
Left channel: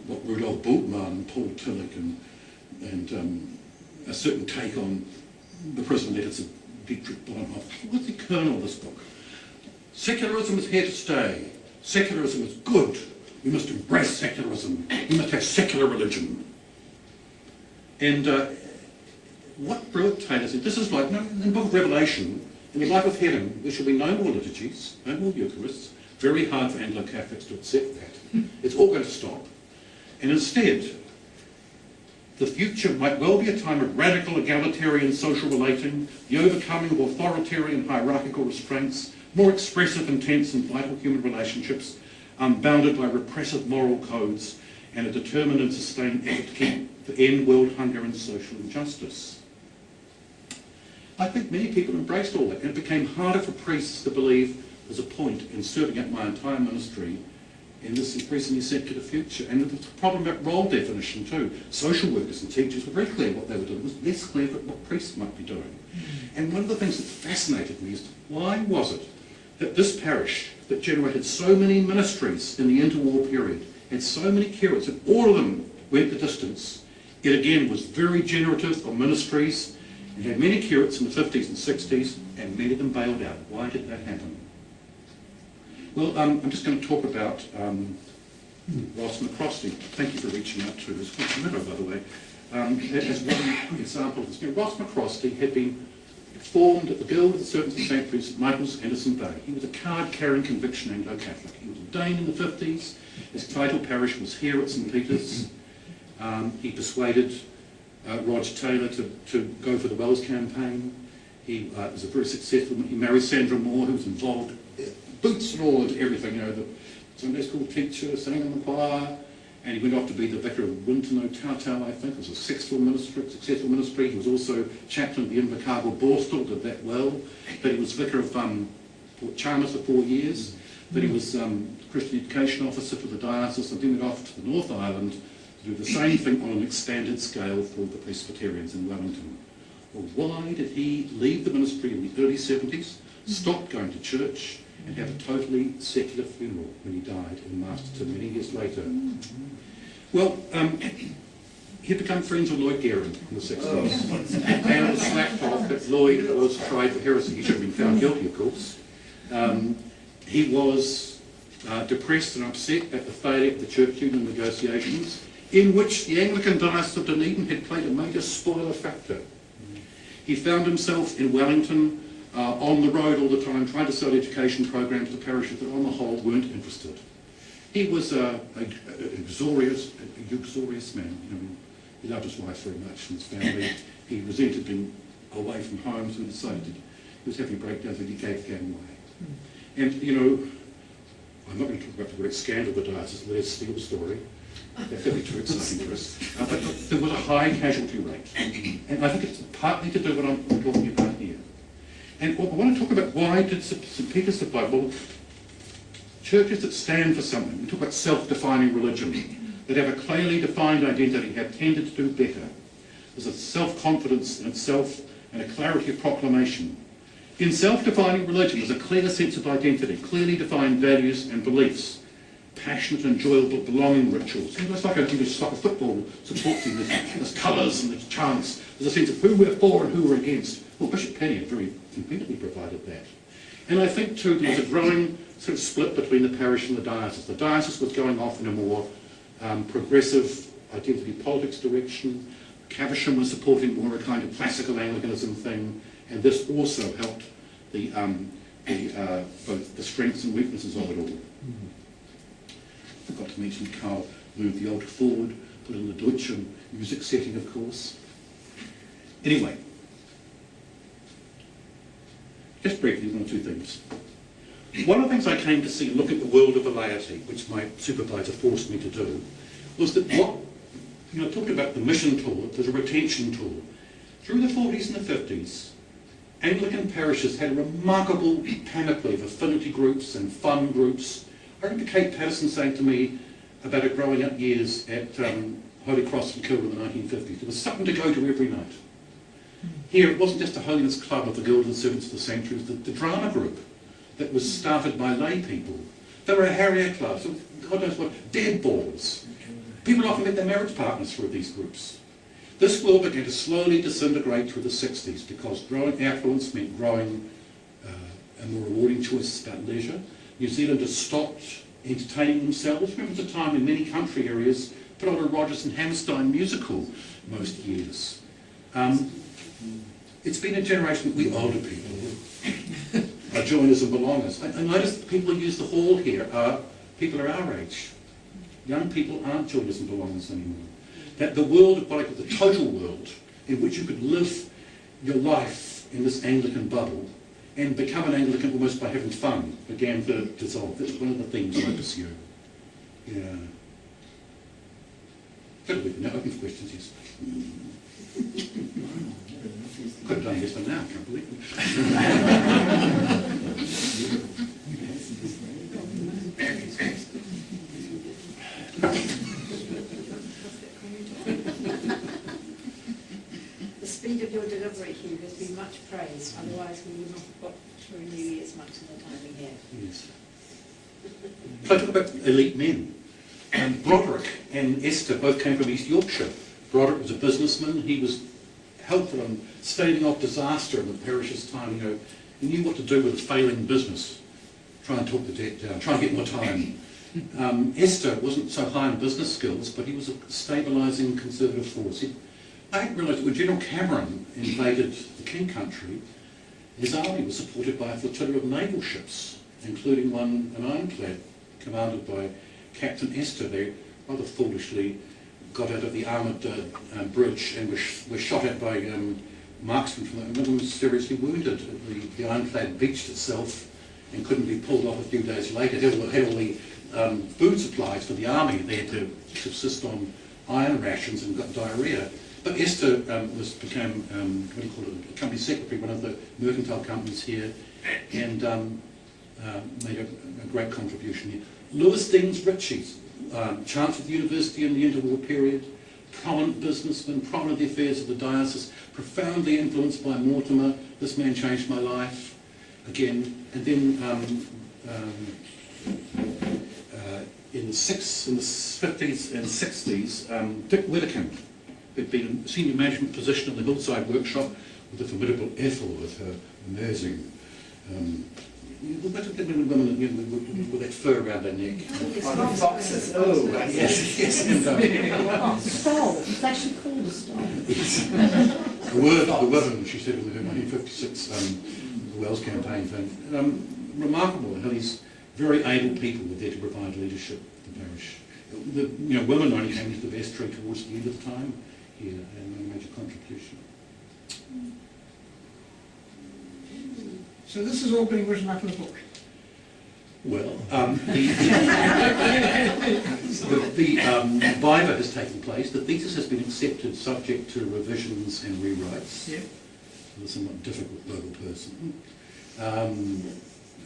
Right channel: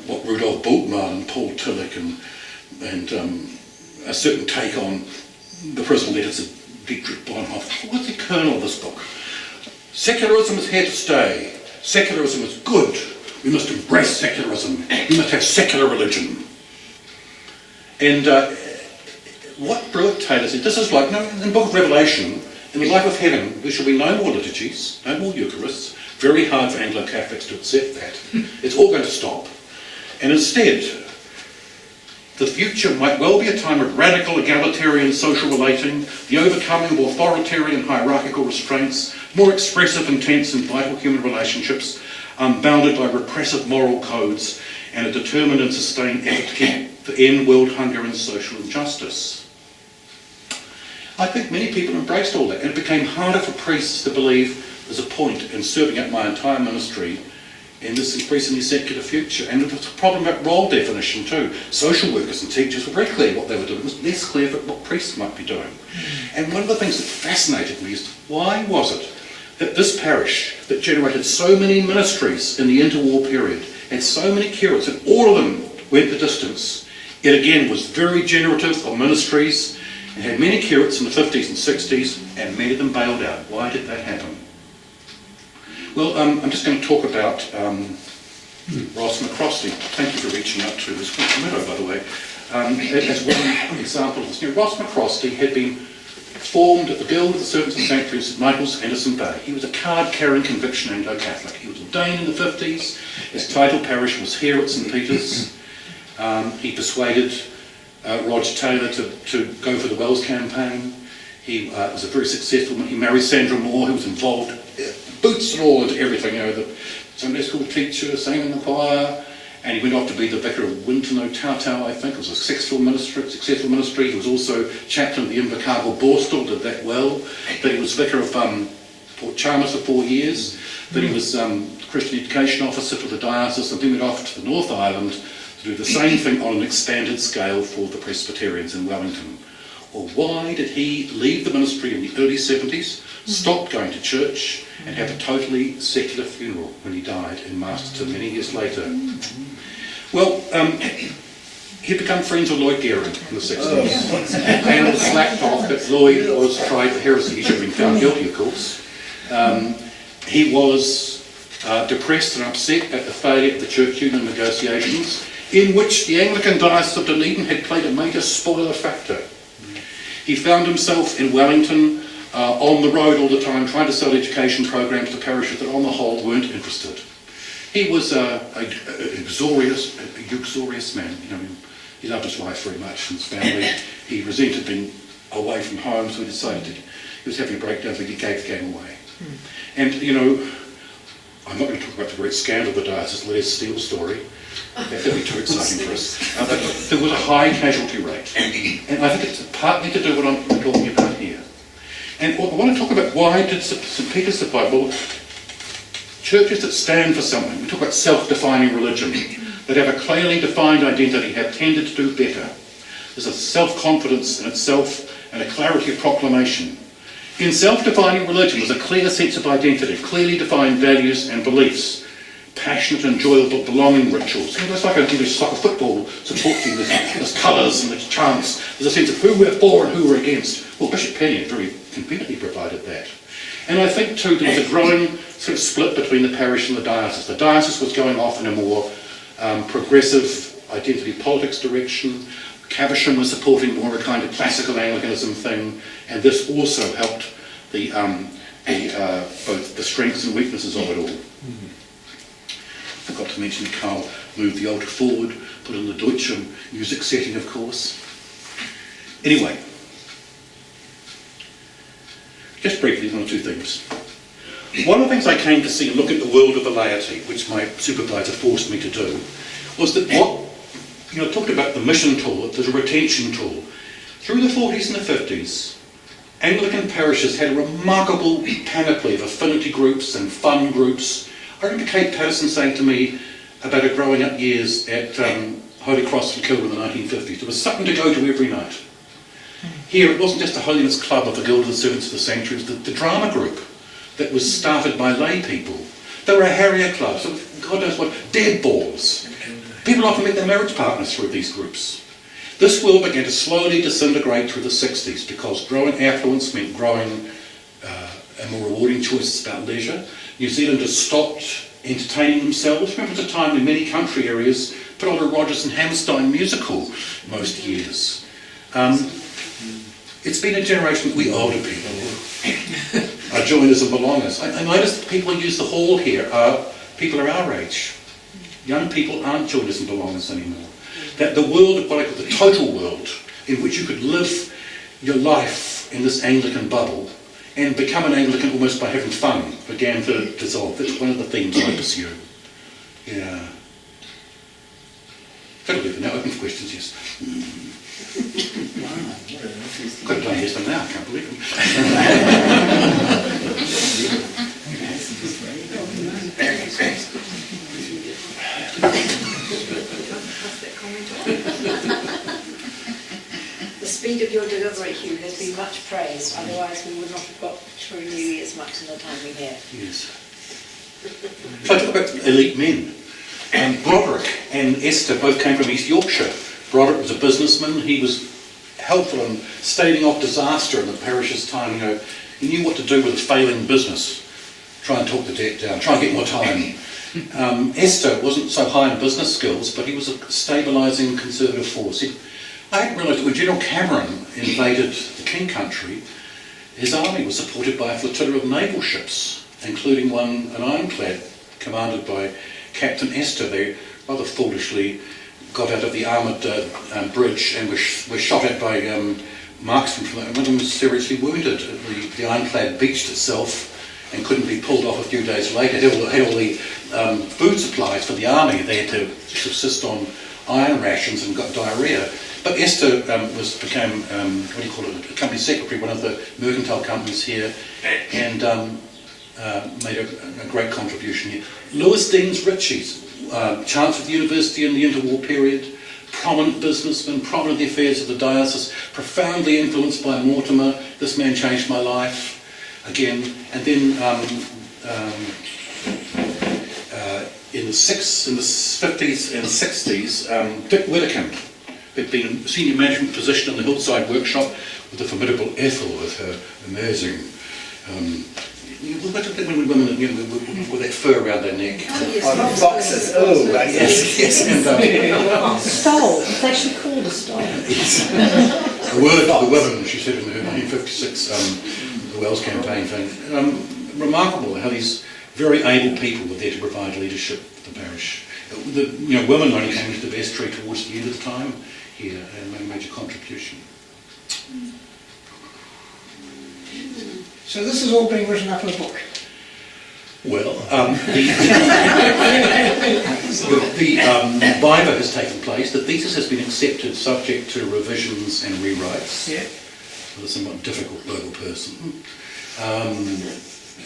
what Rudolf Bultmann and Paul Tillich and a certain take on the prison letters of Dietrich Bonhoeffer, what's the kernel of this book? Secularism is here to stay. Secularism is good. We must embrace secularism. We must have secular religion. And what Brewitt-Taylor said, this is like, in the book of Revelation, in the life of heaven, there shall be no more liturgies, no more Eucharists. Very hard for Anglo-Catholics to accept that. It's all going to stop. And instead, the future might well be a time of radical egalitarian social relating, the overcoming of authoritarian hierarchical restraints, more expressive, intense and vital human relationships, unbounded by repressive moral codes, and a determined and sustained effort to end world hunger and social injustice. I think many people embraced all that, and it became harder for priests to believe there's a point in serving up my entire ministry in this increasingly secular future. And there was a problem about role definition too. Social workers and teachers were very clear what they were doing. It was less clear for what priests might be doing. And one of the things that fascinated me is, why was it that this parish that generated so many ministries in the interwar period, had so many curates, and all of them went the distance, it again was very generative of ministries, and had many curates in the 50s and 60s, and many of them bailed out. Why did that happen? Well, I'm just going to talk about Ross McCrosty. Thank you for reaching out to us. Meadow, by the way. As one example of this. Ross McCrosty had been formed at the Guild of the Servants of St. St. Michael's, Henderson Bay. He was a card-carrying conviction Anglo-Catholic. He was ordained in the 50s. His title parish was here at St. Peter's. He persuaded Roger Taylor to go for the Wells campaign. He was a very successful man. He married Sandra Moore, who was involved, boots and all into everything, the Sunday school teacher, sang in the choir, and he went off to be the vicar of Winton O'Tautau, I think. It was a successful ministry. He was also chaplain of the Invercargill Borstal, did that well. Then he was vicar of Port Chalmers for 4 years. Then he was Christian education officer for the diocese, and then went off to the North Island to do the same thing on an expanded scale for the Presbyterians in Wellington. Well, why did he leave the ministry in the early 70s, stop going to church, and have a totally secular funeral when he died in Masterton many years later? Well, he'd become friends with Lloyd Gearing in the 60s. And it slacked off that Lloyd was tried for heresy. He should have been found guilty, of course. He was depressed and upset at the failure of the church union negotiations, in which the Anglican Diocese of Dunedin had played a major spoiler factor. He found himself in Wellington on the road all the time, trying to sell education programs to parishes that on the whole weren't interested. He was an uxorious man. You know, he loved his wife very much and his family. He resented being away from home, so he decided he was having a breakdown, so he gave the game away. And, you know, I'm not going to talk about the great scandal of the diocese, the Les Steele story. That would be too exciting for us. There was a high casualty rate. And I think it's partly to do with what I'm talking about here. And I want to talk about why did St. Peter supply? Well, churches that stand for something, we talk about self-defining religion, that have a clearly defined identity, have tended to do better. There's a self-confidence in itself and a clarity of proclamation. In self-defining religion, there's a clear sense of identity, clearly defined values and beliefs, passionate and enjoyable belonging rituals. You know, it's like a soccer football support team. There's colours and there's chants. There's a sense of who we're for and who we're against. Well, Bishop Penny very conveniently provided that. And I think too there was a growing sort of split between the parish and the diocese. The diocese was going off in a more progressive identity politics direction. Caversham was supporting more of a kind of classical Anglicanism thing, and this also helped the both the strengths and weaknesses of it all. I forgot to mention Carl moved the altar forward, put in the Deutsche music setting, of course. Anyway, just briefly, one or two things. One of the things I came to see and look at the world of the laity, which my supervisor forced me to do, was that I talked about the mission tool, there's a retention tool. Through the 40s and the 50s, Anglican parishes had a remarkable panoply of affinity groups and fun groups. I remember Kate Patterson saying to me about her growing up years at Holy Cross in Kilburn in the 1950s, there was something to go to every night. Here, it wasn't just a holiness club of the Guild of the Servants of the Sanctuary, it was the drama group that was started by lay people. There were a Harrier club, so God knows what, dead balls. People often met their marriage partners through these groups. This world began to slowly disintegrate through the 60s because growing affluence meant growing and more rewarding choices about leisure. New Zealanders stopped entertaining themselves. Remember, it was a time when many country areas put on a Rodgers and Hammerstein musical most years. It's been a generation, we older people are joiners and belongers. I noticed that people who use the hall here are people are our age. Young people aren't joiners and belongers anymore. That the world of what I call the total world, in which you could live your life in this Anglican bubble and become an Anglican almost by having fun, began to dissolve. That's one of the themes I pursue. Yeah. That'll be for now. Open for questions, yes. Could have done yes and now, I can't believe The speed of your delivery, Hugh, has been much praised. Otherwise, we would not have got through New Year's much in the time we had. Yes. So I talk about elite men. Broderick and Esther both came from East Yorkshire. Broderick was a businessman. He was helpful in staving off disaster in the parish's time. You know, he knew what to do with a failing business. Try and talk the debt down. Try and get more time. Esther wasn't so high in business skills, but he was a stabilising conservative force. I hadn't realised that when General Cameron invaded the King Country, his army was supported by a flotilla of naval ships, including an ironclad commanded by Captain Esther. They rather foolishly got out of the armoured bridge and were shot at by marksmen from that. One of them was seriously wounded. The ironclad beached itself and couldn't be pulled off a few days later. It had all the food supplies for the army. They had to subsist on iron rations and got diarrhoea. But Esther became a company secretary, one of the mercantile companies here, and made a great contribution here. Lewis Deans Ritchie's Chancellor of the University in the interwar period, prominent businessman, prominent in the affairs of the diocese, profoundly influenced by Mortimer. This man changed my life. Again, and then in the 50s and 60s, Dick Whittakamp who'd been in a senior management position in the Hillside workshop with the formidable Ethel with her amazing, what are the women with that fur around their neck? Oh, yes, Oh, foxes. Oh, Yes. And, Stole. It's actually called a stole. a word for the women, she said in her 1956 the Wells campaign thing. Remarkable how these very able people were there to provide leadership for the parish. Women only came into the vestry towards the end of the time here and made a major contribution. So this is all being written up in a book. Well, the Viva has taken place. The thesis has been accepted subject to revisions and rewrites Yeah. with a somewhat difficult local person.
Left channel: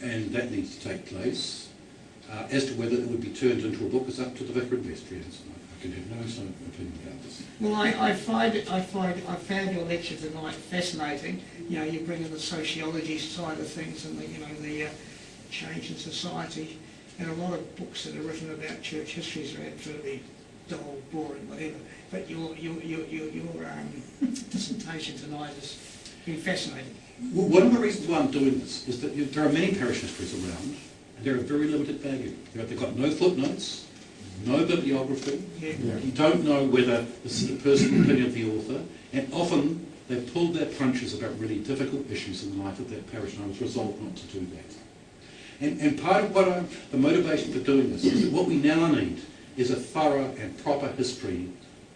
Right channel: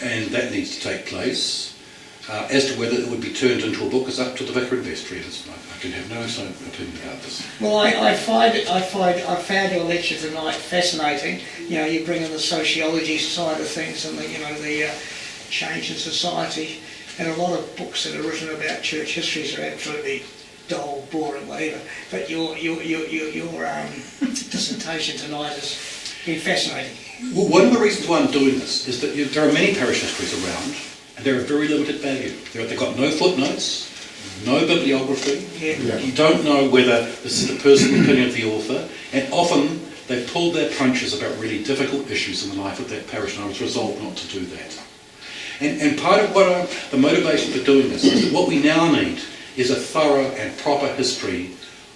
And that needs to take place. As to whether it would be turned into a book is up to the Vicar of Vestry. I can have no opinion about this. Well, I found your lecture tonight fascinating. You bring in the sociology side of things and the change in society, and a lot of books that are written about church histories are absolutely dull, boring, whatever. But your dissertation tonight has been fascinating. Well, one of the reasons why I'm doing this is that there are many parish histories around, and they're of very limited value. They've got no footnotes, no bibliography. Yeah. You don't know whether this is the personal opinion of the author, and often they've pulled their punches about really difficult issues in the life of that parish, and I was resolved not to do that. And part of the motivation for doing this is that what we now need is a thorough and proper history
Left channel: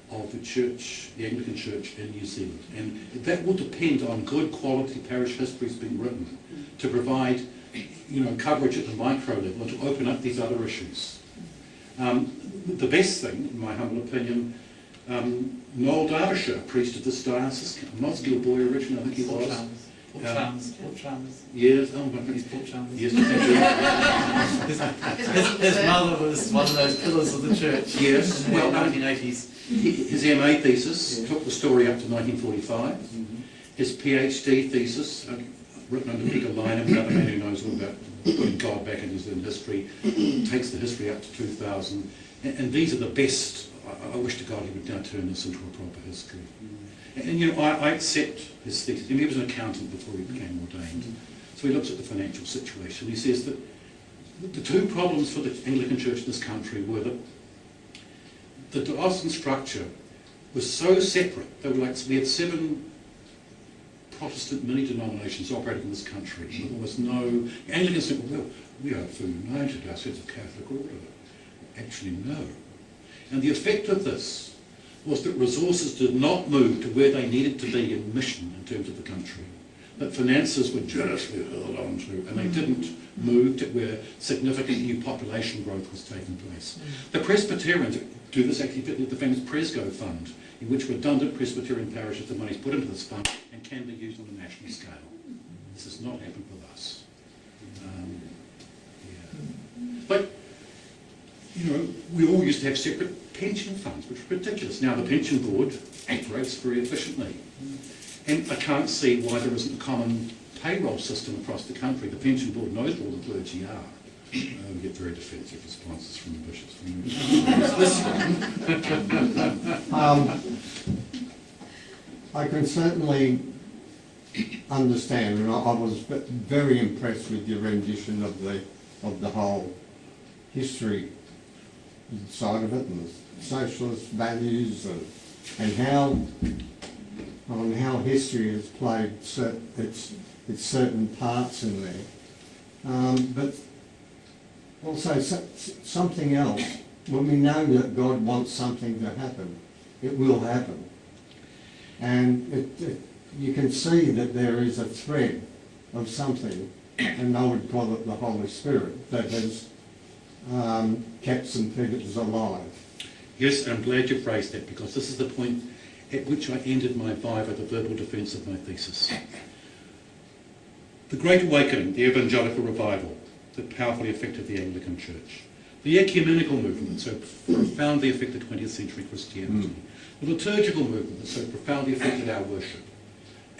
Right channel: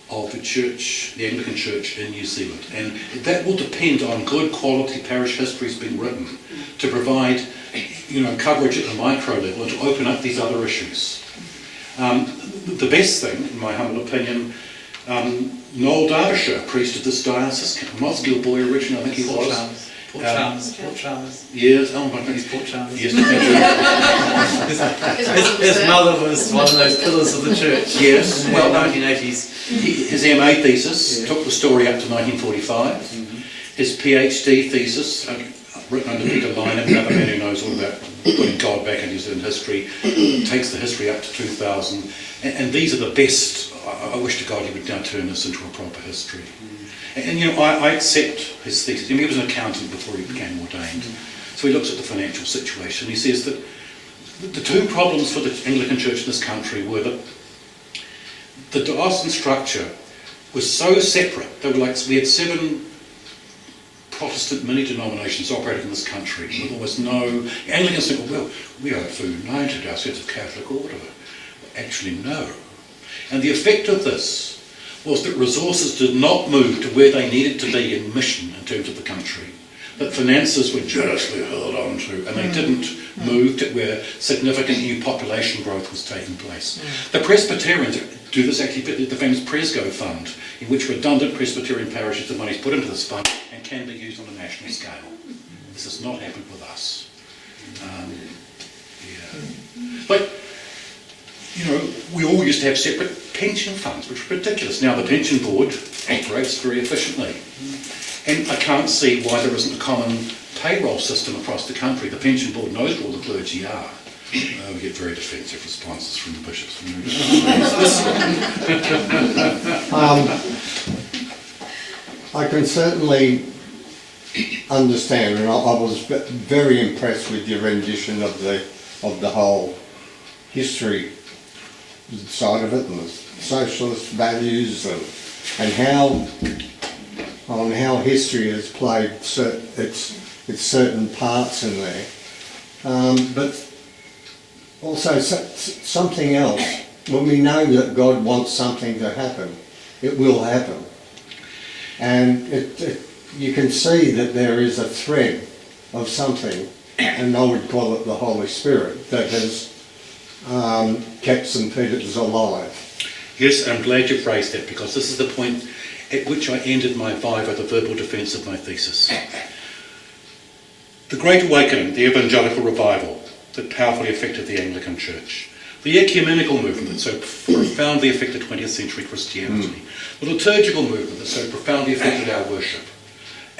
of the church, the Anglican Church in New Zealand. And that will depend on good quality parish histories being written to provide, coverage at the micro level and to open up these other issues. The best thing, in my humble opinion, Noel Derbyshire, priest of this diocese, a Mosgiel boy originally, I think he was. Port Chalmers. Yes, oh my God. He's Port Chalmers. Yes, His mother was one of those pillars of the church. Yes, in the 1980s. His MA thesis took the story up to 1945. His PhD thesis, written under Peter Lynham, another man who knows all about putting God back in New Zealand history, takes the history up to 2000. And these are the best. I wish to God he would now turn this into a proper history. And I accept his thesis. He was an accountant before he became ordained. So he looks at the financial situation. He says that the two problems for the Anglican Church in this country were that the diocesan structure was so separate. They were we had 7 Protestant mini-denominations operating in this country with almost no... Anglicans think, well, we are fully united, our sense of Catholic order. Actually, no. And the effect of this was that resources did not move to where they needed to be in mission in terms of the country, that finances were jealously held on to, and they didn't move to where significant new population growth was taking place. The Presbyterians do this actually, the famous Presgo Fund, in which redundant Presbyterian parishes, the money is put into this fund and can be used on a national scale. This has not happened with us. But we all used to have separate pension funds, which were ridiculous. Now the pension board operates very efficiently. And I can't see why there isn't a common payroll system across the country. The pension board knows where all the clergy are. We get very defensive responses from the bishops. I can certainly understand, and I was very impressed with your rendition of the whole history side of it and the socialist values and how history has played its certain parts in there. But also something else. When we know that God wants something to happen, it will happen. And you can see that there is a thread of something, and I would call it the Holy Spirit, that has kept St Peter's alive. Yes, I'm glad you phrased that, because this is the point at which I ended my Viva, the verbal defence of my thesis. The Great Awakening, the evangelical revival that powerfully affected the Anglican Church, the ecumenical movement that so profoundly affected 20th century Christianity, the liturgical movement that so profoundly affected our worship,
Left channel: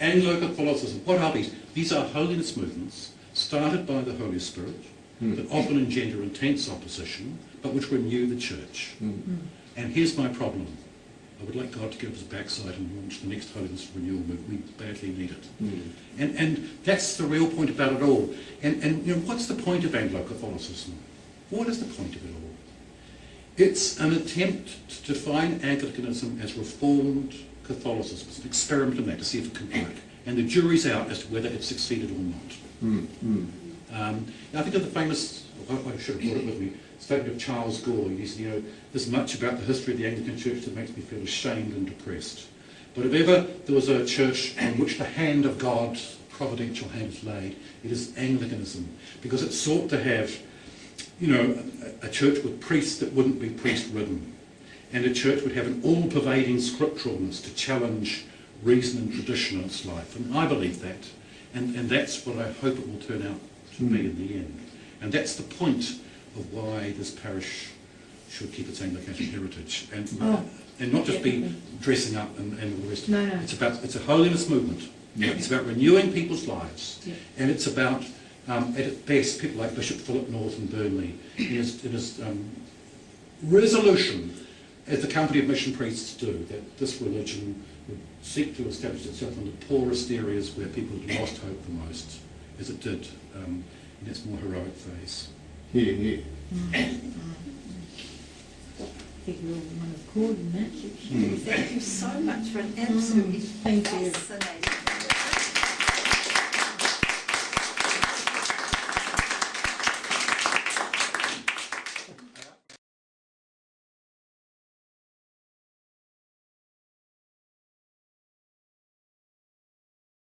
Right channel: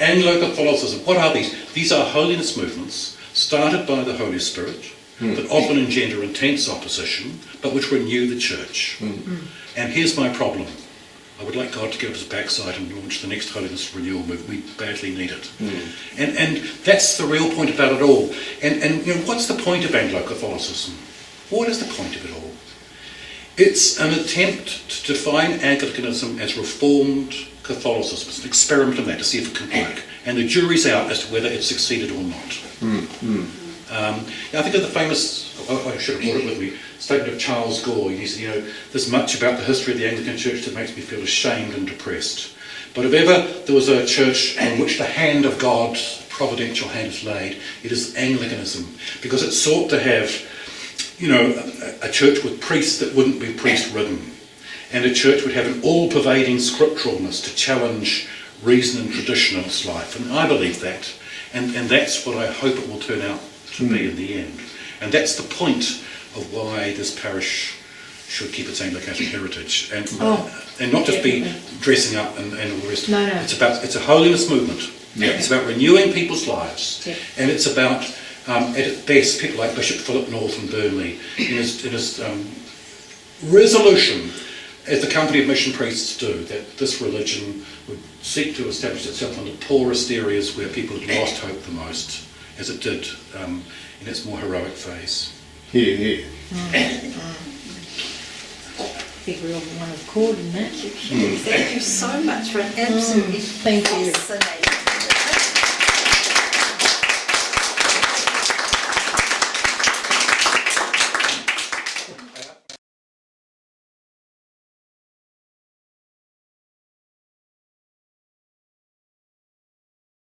Anglo-Catholicism, what are these? These are holiness movements started by the Holy Spirit, that often engender intense opposition, but which renew the church. And here's my problem. I would like God to get up his backside and launch the next holiness renewal movement. We badly need it. And that's the real point about it all. And you know, what's the point of Anglo-Catholicism? What is the point of it all? It's an attempt to define Anglicanism as Reformed Catholicism. It's an experiment in that to see if it can work. And the jury's out as to whether it succeeded or not. I think of the famous, I should have brought it with me, statement of Charles Gore. He said, you know, there's much about the history of the Anglican Church that makes me feel ashamed and depressed. But if ever there was a church on which the hand of God, providential hand is laid, it is Anglicanism. Because it sought to have, you know, a church with priests that wouldn't be priest-ridden. And a church would have an all-pervading scripturalness to challenge reason and tradition in its life. And I believe that. And that's what I hope it will turn out to be in the end. And that's the point of why this parish should keep its Anglican heritage and not just be dressing up and all the rest. No. It's a holiness movement. Yeah. It's about renewing people's lives. Yeah. And it's about, at its best, people like Bishop Philip North in Burnley, in his resolution, as the Company of Mission Priests do, that this religion would seek to establish itself in the poorest areas where people had lost hope the most, as it did in its more heroic phase. Here. I think we're all on one accord in that. Thank you so much for an absolutely Thank you. fascinating